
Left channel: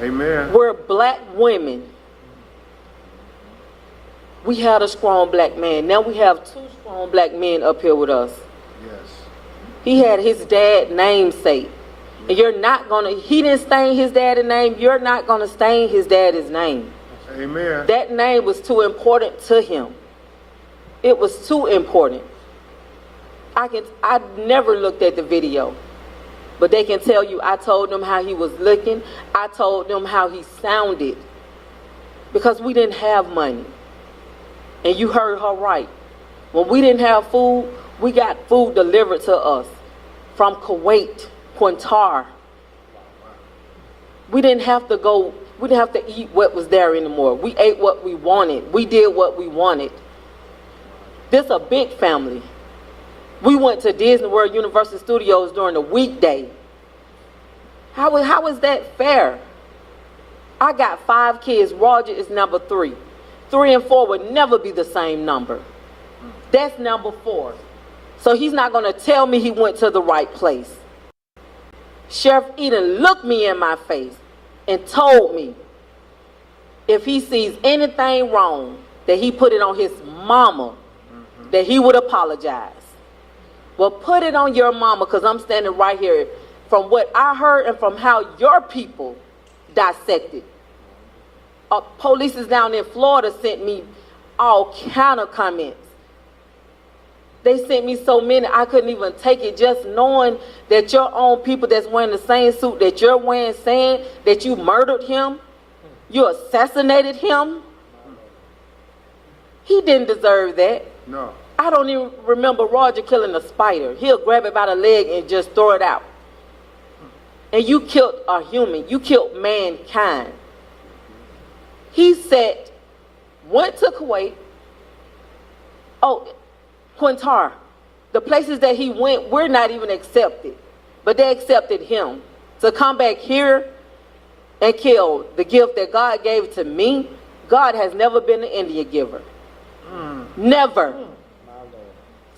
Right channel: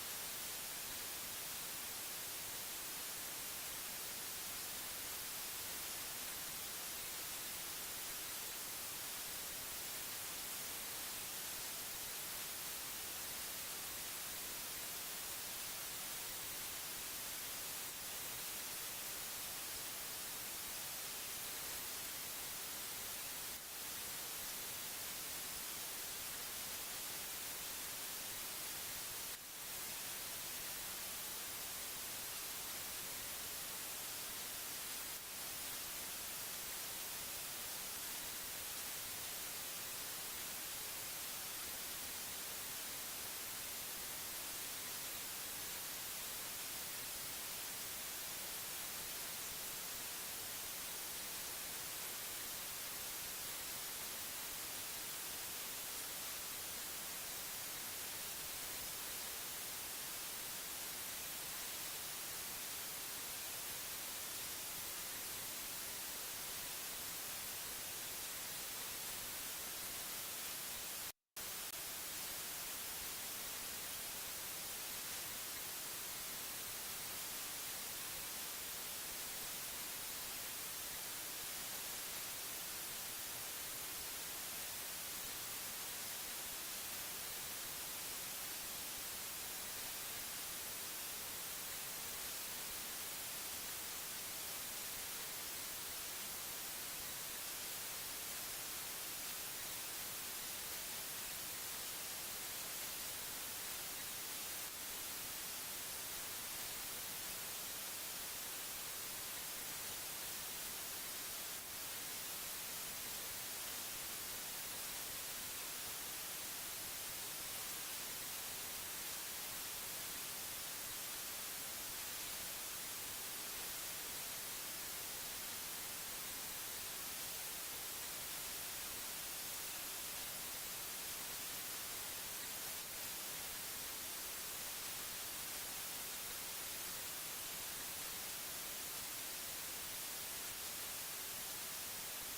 Amen. We're black women. We had a strong black man. Now we have 2 strong black men up here with us. Yes. He had his dad's namesake. And you're not going to, he didn't stain his dad's name. You're not going to stain his dad's name. Amen. That name was too important to him. It was too important. I never looked at the video, but they can tell you I told them how he was looking. I told them how he sounded, because we didn't have money. And you heard her right. When we didn't have food, we got food delivered to us from Kuwait, Qatar. We didn't have to eat what was there anymore. We ate what we wanted. We did what we wanted. This a big family. We went to Disney World Universal Studios during the weekday. How is that fair? I got 5 kids. Roger is number 3. 3 and 4 would never be the same number. That's number 4. So he's not going to tell me he went to the right place. Sheriff Eden looked me in my face and told me if he sees anything wrong, that he put it on his mama, that he would apologize. Well, put it on your mama, because I'm standing right here. From what I heard and from how your people dissected. Police down in Florida sent me all kind of comments. They sent me so many I couldn't even take it, just knowing that your own people that's wearing the same suit that you're wearing, saying that you murdered him, you assassinated him. He didn't deserve that. No. I don't even remember Roger killing a spider. He'll grab it by the leg and just throw it out. And you killed a human. You killed mankind. He said, went to Kuwait. Qatar. The places that he went, we're not even accepted. But they accepted him. To come back here and kill the gift that God gave to me, God has never been an Indian giver. Never.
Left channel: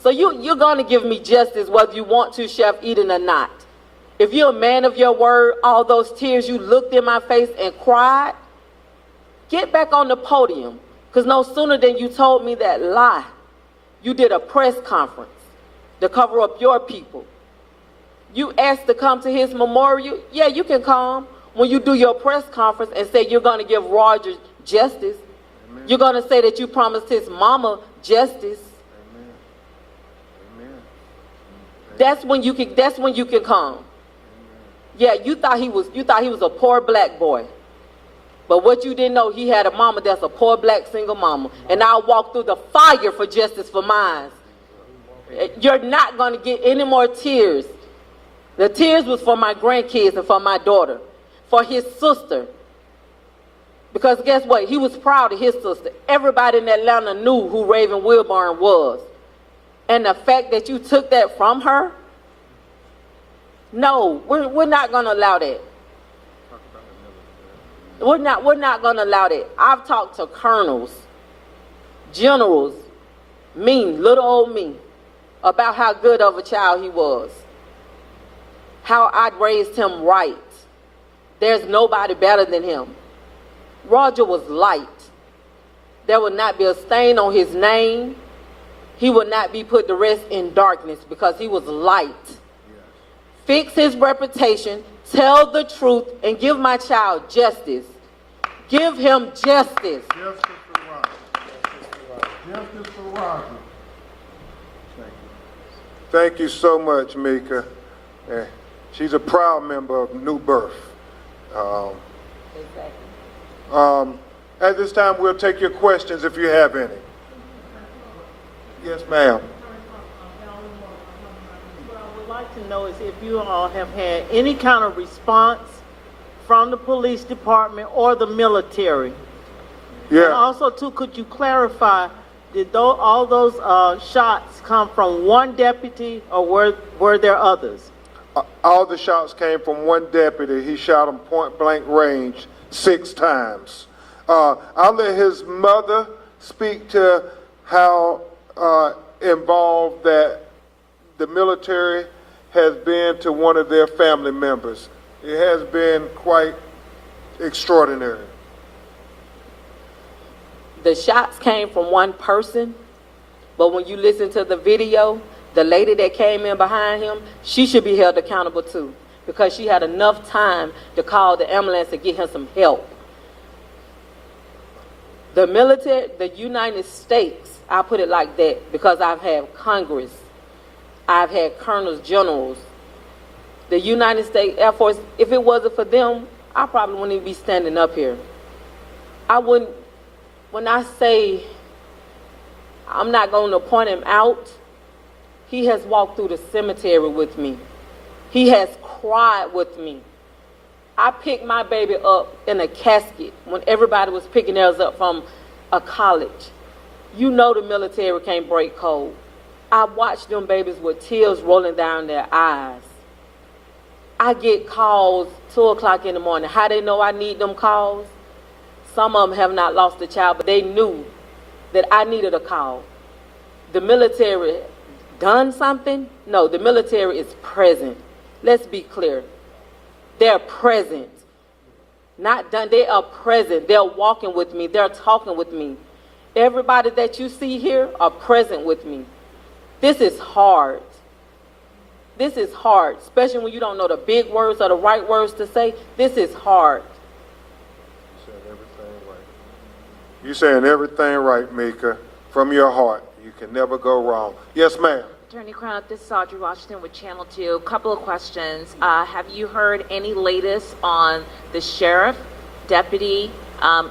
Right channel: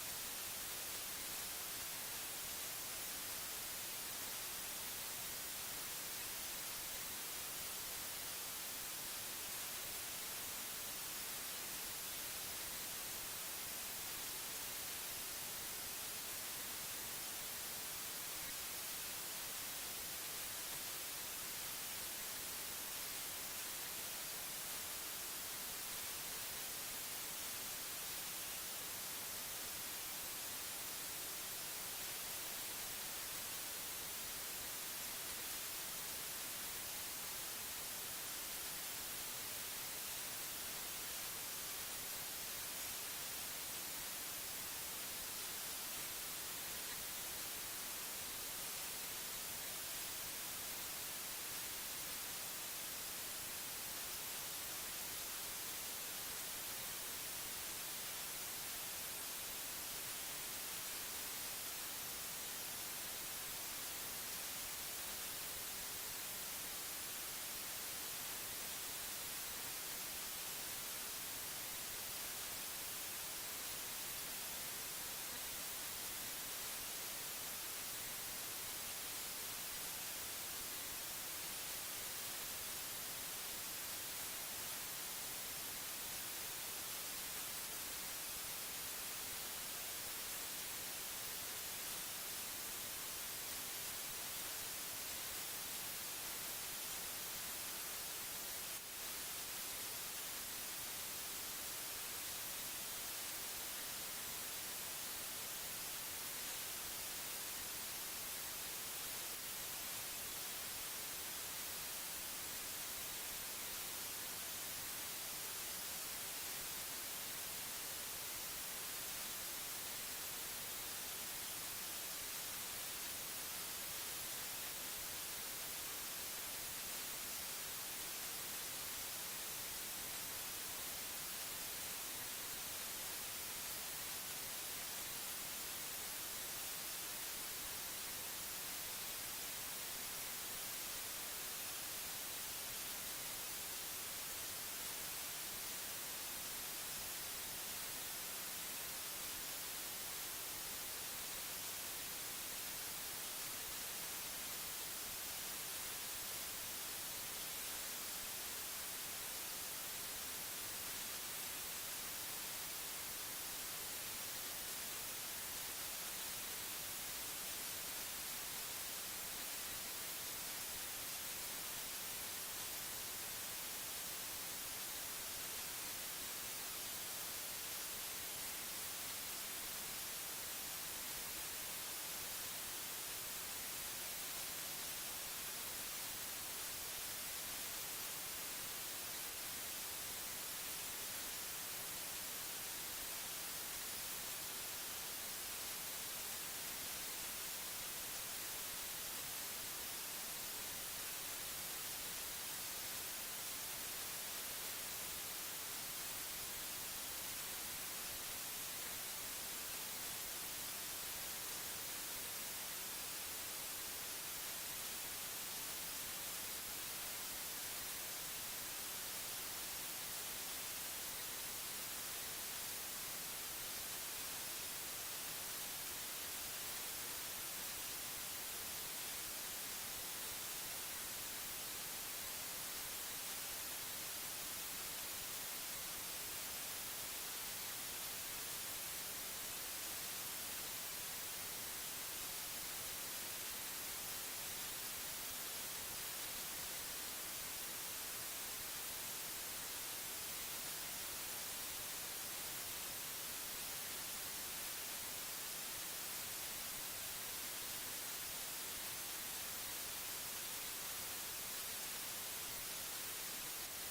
So you're going to give me justice whether you want to, Chef Eden, or not. If you're a man of your word, all those tears you looked in my face and cried, get back on the podium. Because no sooner than you told me that lie, you did a press conference to cover up your people. You asked to come to his memorial. Yeah, you can come when you do your press conference and say you're going to give Roger justice. Amen. You're going to say that you promised his mama justice. Amen. That's when you can come. Yeah, you thought he was a poor black boy. But what you didn't know, he had a mama that's a poor black single mama. And I'll walk through the fire for justice for mine. You're not going to get any more tears. The tears was for my grandkids and for my daughter, for his sister. Because guess what? He was proud of his sister. Everybody in Atlanta knew who Raven Wilburn was. And the fact that you took that from her, no, we're not going to allow that. We're not going to allow that. I've talked to colonels, generals, little old me, about how good of a child he was. How I'd raised him right. There's nobody better than him. Roger was light. There would not be a stain on his name. He would not be put to rest in darkness because he was light. Fix his reputation, tell the truth, and give my child justice. Give him justice. Justice for Roger. Justice for Roger. Thank you so much, Mika. She's a proud member of New Birth. At this time, we'll take your questions if you have any. Yes, ma'am. What I would like to know is if you all have had any kind of response from the police department or the military. And Yeah. also, too, could you clarify, did all those shots come from one deputy or were there others? All the shots came from one deputy. He shot him point blank range 6 times. I'll let his mother speak to how involved that the military has been to one of their family members. It has been quite extraordinary. The shots came from one person, but when you listen to the video, the lady that came in behind him, she should be held accountable too, because she had enough time to call the ambulance to get him some help. The military, the United States, I put it like that because I've had Congress, I've had colonels, generals. The United States Air Force, if it wasn't for them, I probably wouldn't even be standing up here. I wouldn't, when I say I'm not going to point him out, he has walked through the cemetery with me. He has cried with me. I picked my baby up in a casket when everybody was picking theirs up from a college. You know the military can't break code. I watched them babies with tears rolling down their eyes. I get calls 2 o'clock in the morning. How they know I need them calls? Some of them have not lost a child, but they knew that I needed a call. The military done something? No, the military is present. Let's be clear. They're present. Not done, they are present. They're walking with me. They're talking with me. Everybody that you see here are present with me. This is hard. This is hard, especially when you don't know the big words or the right words to say. This is hard. You're saying everything right, Mika, from your heart. You can never go wrong. Yes, ma'am. Attorney Crown, this is Audrey Washington with Channel 2. A couple of questions. Have you heard any latest on the sheriff, deputy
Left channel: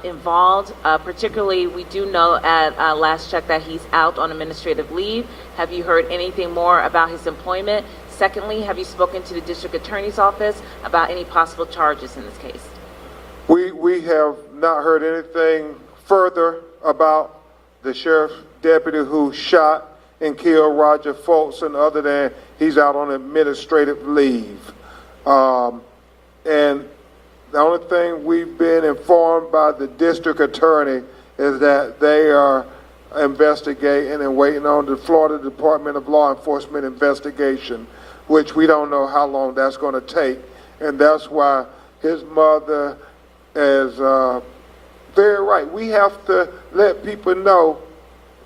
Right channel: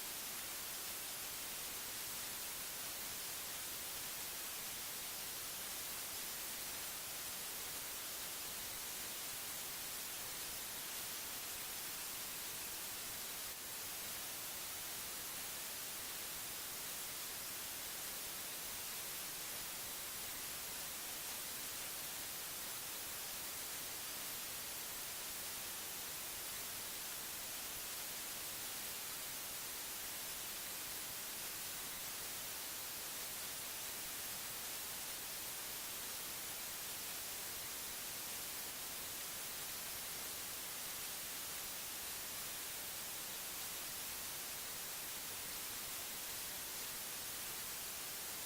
involved? Particularly, we do know at last check that he's out on administrative leave. Have you heard anything more about his employment? Secondly, have you spoken to the district attorney's office about any possible charges in this case? We have not heard anything further about the sheriff's deputy who shot and killed Roger Fortson, other than he's out on administrative leave. And the only thing we've been informed by the district attorney is that they are investigating and waiting on the Florida Department of Law Enforcement investigation, which we don't know how long that's going to take. And that's why his mother is very right. We have to let people know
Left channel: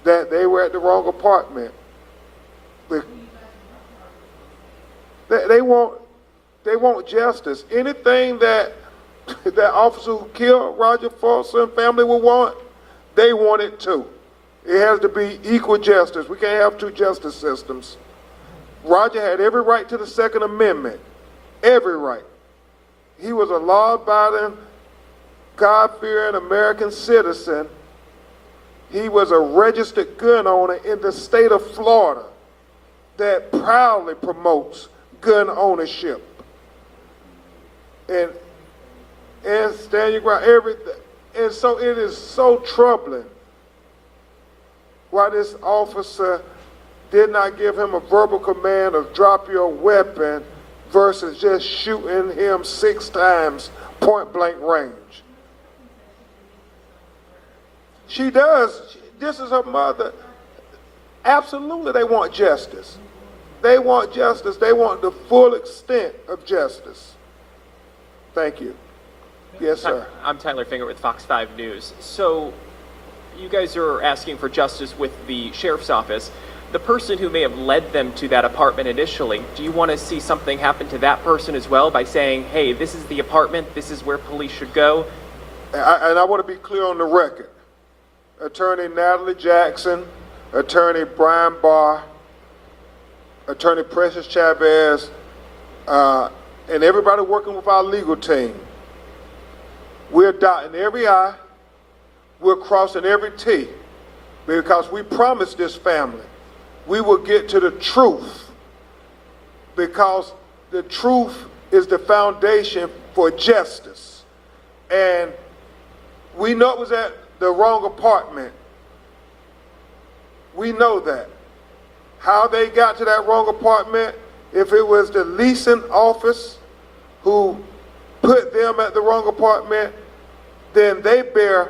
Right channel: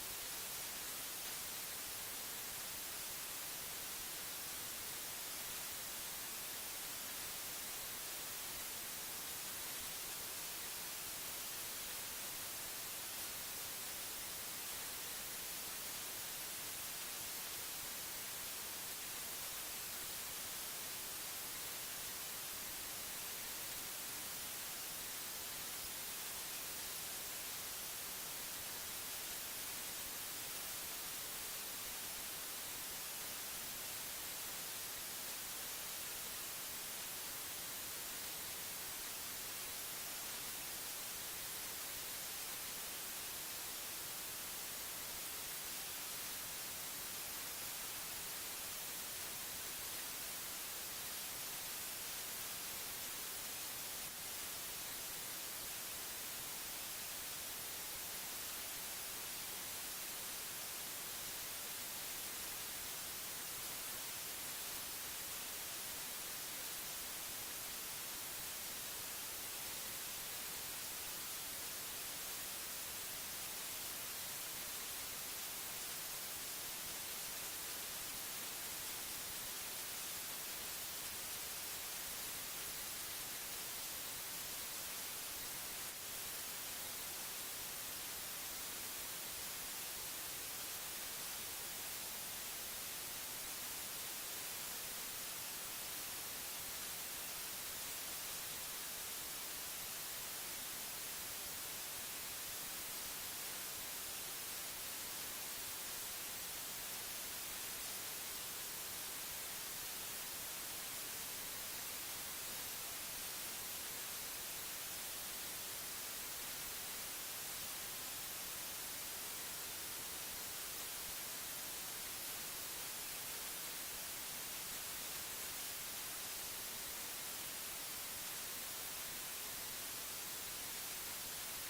that they were at the wrong apartment. They want justice. Anything that that officer who killed Roger Fortson family will want, they want it too. It has to be equal justice. We can't have 2 justice systems. Roger had every right to the Second Amendment. Every right. He was a law-abiding, God-fearing American citizen. He was a registered gun owner in the state of Florida that proudly promotes gun ownership. And stand your ground, everything. And so it is so troubling why this officer did not give him a verbal command of drop your weapon versus just shooting him 6 times point blank range. She does. This is her mother. Absolutely, they want justice. They want justice. They want the full extent of justice. Thank you. Yes, sir. I'm Tyler Finger with Fox 5 News. So you guys are asking for justice with the sheriff's office. The person who may have led them to that apartment initially, do you want to see something happen to that person as well by saying, hey, this is the apartment, this is where police should go? And I want to be clear on the record. Attorney Natalie Jackson, Attorney Brian Barr, Attorney Precious Chavez, and everybody working with our legal team, we're dotting every I we're crossing every T because we promised this family we will get to the truth, because the truth is the foundation for justice. And we know it was at the wrong apartment. We know that. How they got to that wrong apartment, if it was the leasing office who put them at the wrong apartment, then they bear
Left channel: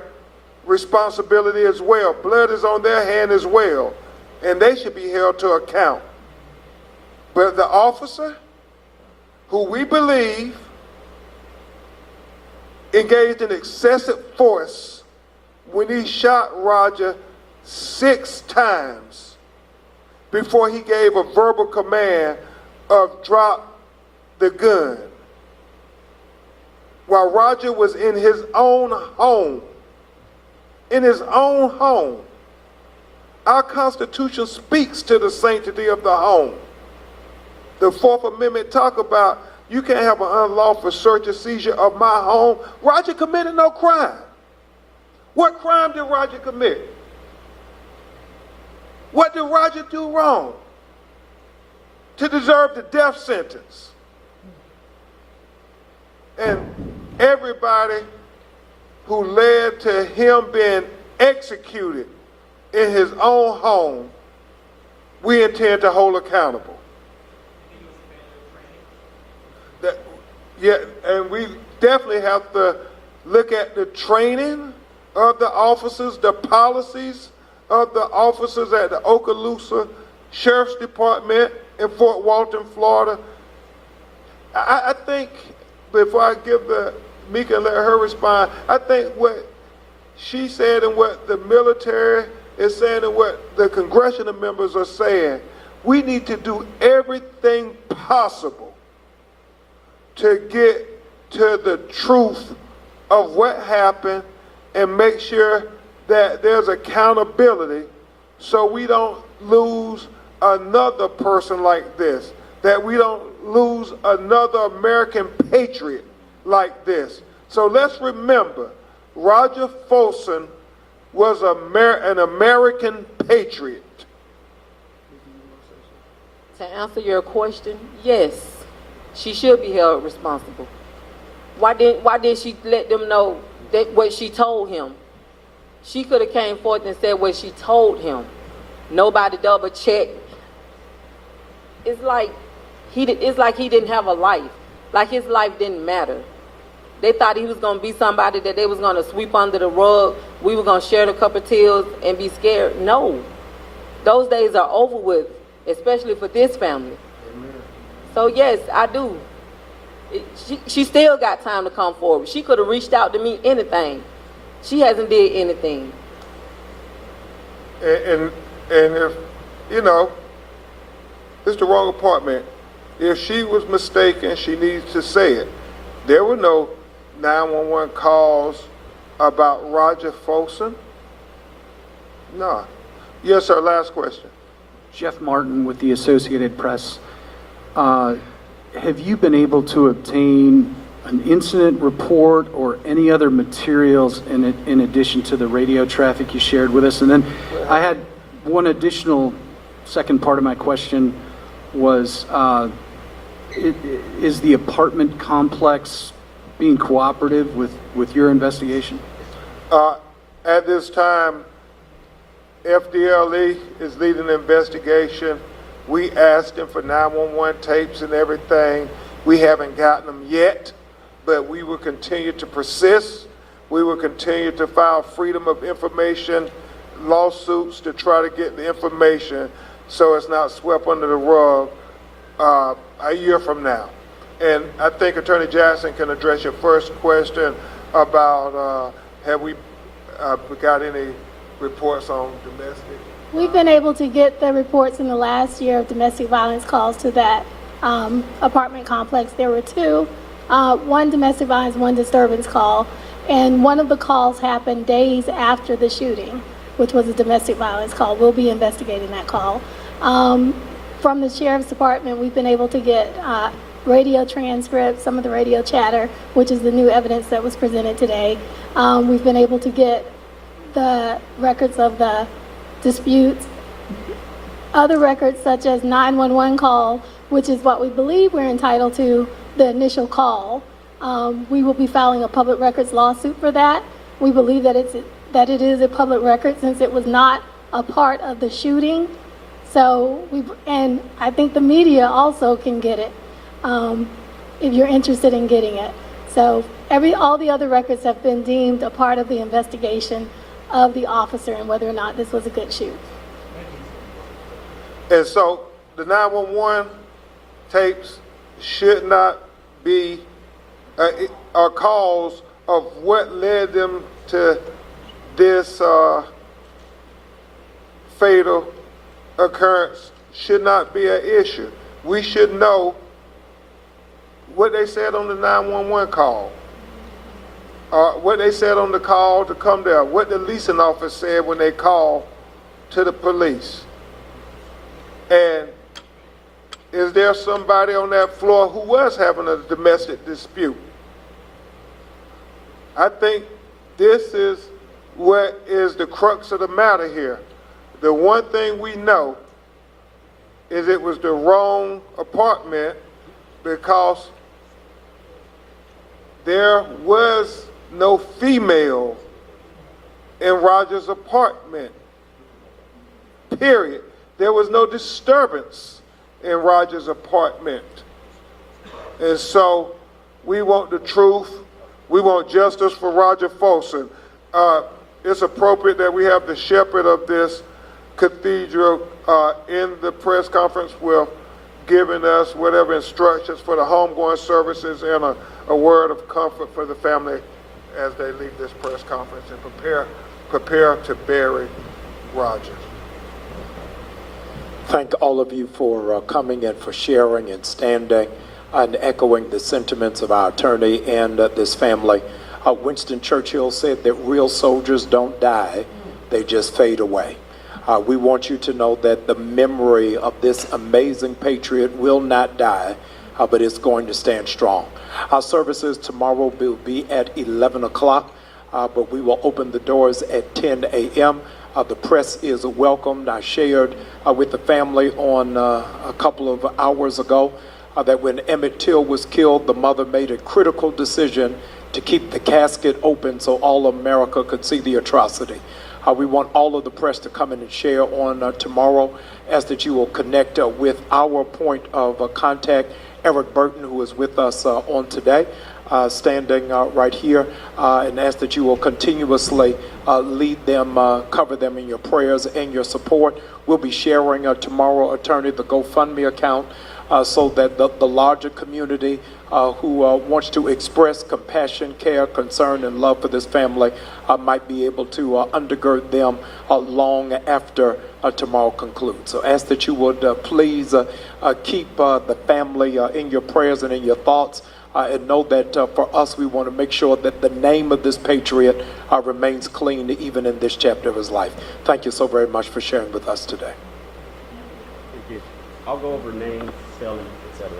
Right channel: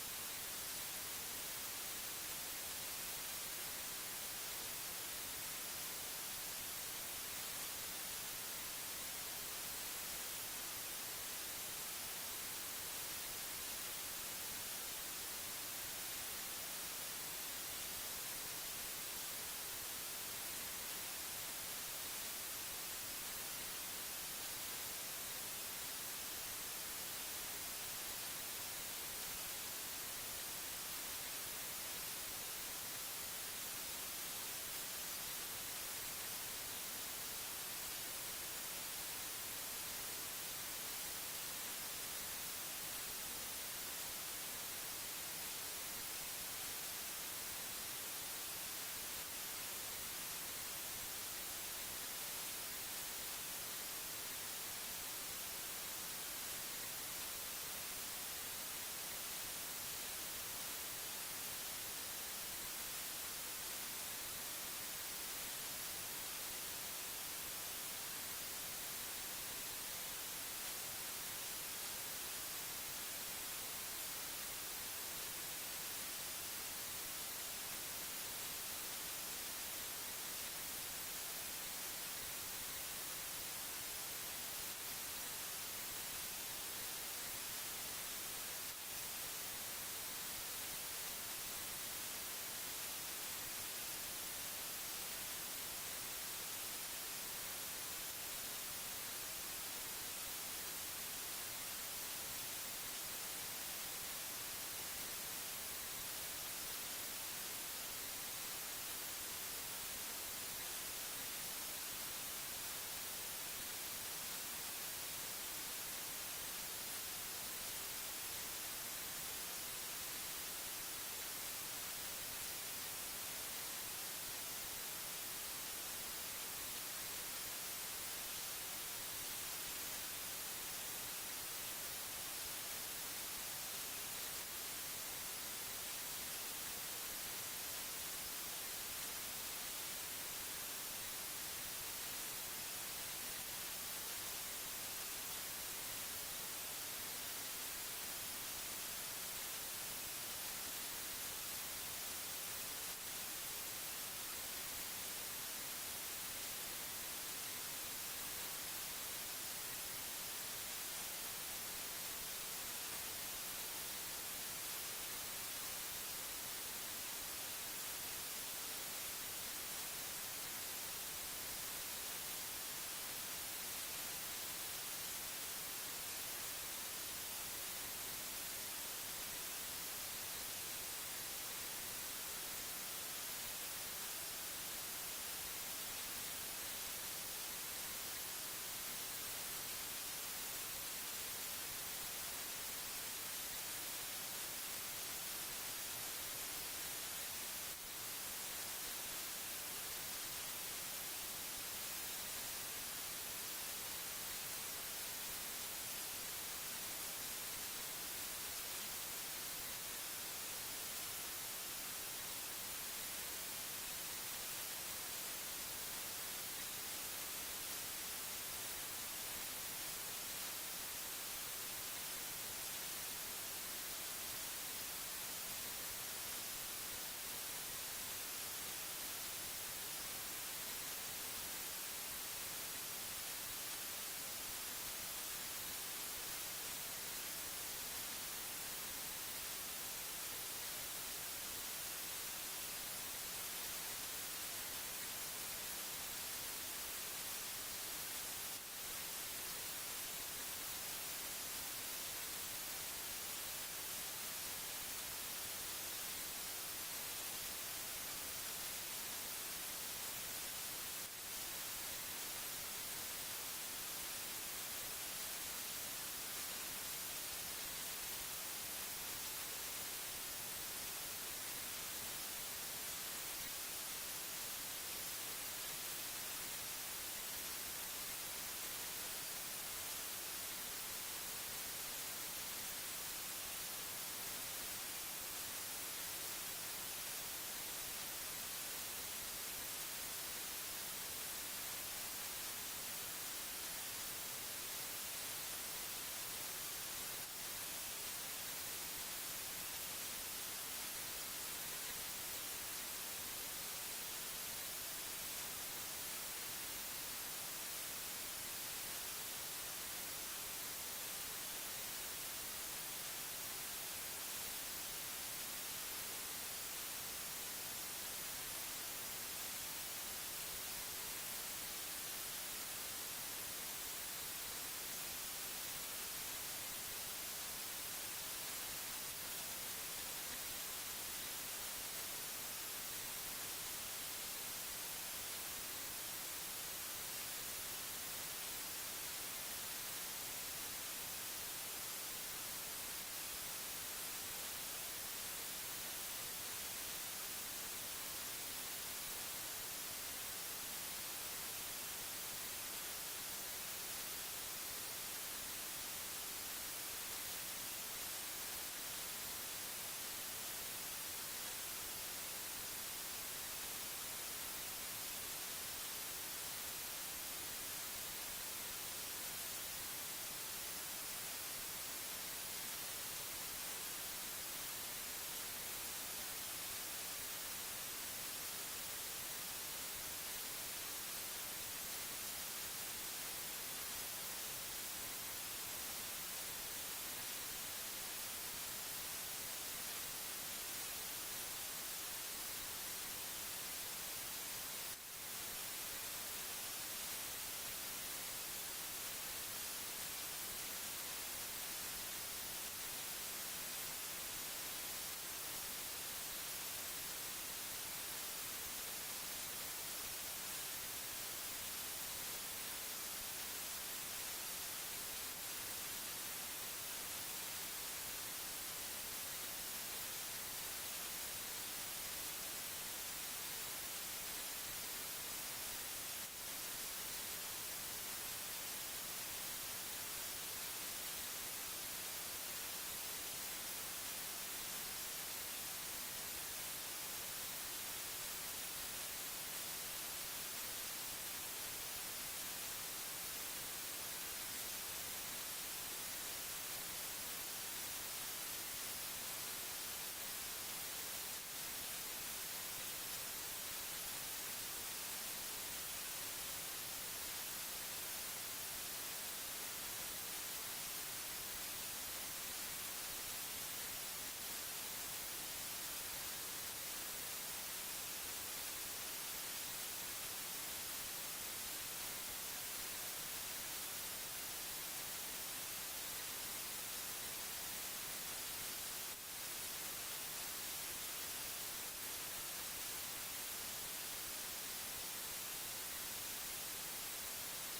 responsibility as well. Blood is on their hand as well, and they should be held to account. But the officer, who we believe engaged in excessive force when he shot Roger 6 times before he gave a verbal command of drop the gun, while Roger was in his own home. In his own home. Our Constitution speaks to the sanctity of the home. The Fourth Amendment talk about you can't have an unlawful search or seizure of my home. Roger committed no crime. What crime did Roger commit? What did Roger do wrong to deserve the death sentence? And everybody who led to him being executed in his own home, we intend to hold accountable. And we definitely have to look at the training of the officers, the policies of the officers at the Okaloosa Sheriff's Department in Fort Walton, Florida. I think, before I give Mika and let her respond, I think what she said and what the military is saying and what the congressional members are saying, we need to do everything possible to get to the truth of what happened and make sure that there's accountability so we don't lose another person like this, that we don't lose another American patriot like this. So let's remember, Roger Fortson was an American patriot. To answer your question, yes, she should be held responsible. Why did she let them know that what she told him? She could have came forth and said what she told him. Nobody double checked. It's like he didn't have a life. Like his life didn't matter. They thought he was going to be somebody that they was going to sweep under the rug. We were going to share a cup of tears and be scared. No. Those days are over with, especially for this family. Amen. So yes, I do. She still got time to come forward. She could have reached out to me anything. She hasn't did anything. And if, it's the wrong apartment. If she was mistaken, she needs to say it. There were no 911 calls about Roger Fortson. No. Yes, sir, last question. Jeff Martin with the Associated Press. Have you been able to obtain an incident report or any other materials in addition to the radio traffic you shared with us? And then I had one additional second part of my question was, is the apartment complex being cooperative with your investigation? At this time, FDLE is leading the investigation. We asked them for 911 tapes and everything. We haven't gotten them yet, but we will continue to persist. We will continue to file freedom of information lawsuits to try to get the information so it's not swept under the rug a year from now. And I think Attorney Jackson can address your first question about have we got any reports on domestic? We've been able to get the reports in the last year of domestic violence calls to that apartment complex. There were 2, one domestic violence, one disturbance call, and one of the calls happened days after the shooting, which was a domestic violence call. We'll be investigating that call. From the Sheriff's Department, we've been able to get radio transcripts, some of the radio chatter, which is the new evidence that was presented today. We've been able to get the records of the disputes. Other records such as 911 call, which is what we believe we're entitled to, the initial call. We will be filing a public records lawsuit for that. We believe that it is a public record since it was not a part of the shooting. So and I think the media also can get it if you're interested in getting it. So all the other records have been deemed a part of the investigation of the officer and whether or not this was a good shoot. And so the 911 tapes should not be a cause of what led them to this fatal occurrence should not be an issue. We should know what they said on the 911 call, what they said on the call to come there, what the leasing officer said when they called to the police. And is there somebody on that floor who was having a domestic dispute? I think this is what is the crux of the matter here. The one thing we know is it was the wrong apartment because there was no female in Roger's apartment, period. There was no disturbance in Roger's apartment. And so we want the truth. We want justice for Roger Fortson. It's appropriate that we have the shepherd of this cathedral in the press conference with giving us whatever instructions for the homegoing services and a word of comfort for the family as they leave this press conference and prepare to bury Roger. Thank all of you for coming and for sharing and standing and echoing the sentiments of our attorney and this family. Winston Churchill said that real soldiers don't die, they just fade away. We want you to know that the memory of this amazing patriot will not die, but it's going to stand strong. Our services tomorrow will be at 11 o'clock, but we will open the doors at 10 a.m. The press is welcomed. I shared with the family on a couple of hours ago that when Emmett Till was killed, the mother made a critical decision to keep the casket open so all of America could see the atrocity. We want all of the press to come in and share on tomorrow. Ask that you will connect with our point of contact, Eric Burton, who is with us on today, standing right here, and ask that you will continuously lead them, cover them in your prayers and your support. We'll be sharing tomorrow, attorney, the GoFundMe account so that the larger community who wants to express compassion, care, concern, and love for this family might be able to undergird them long after tomorrow concludes. So ask that you would please keep the family in your prayers and in your thoughts, and know that for us, we want to make sure that the name of this patriot remains clean even in this chapter of his life. Thank you so very much for sharing with us today. Thank you. I'll go over name, spelling, etc.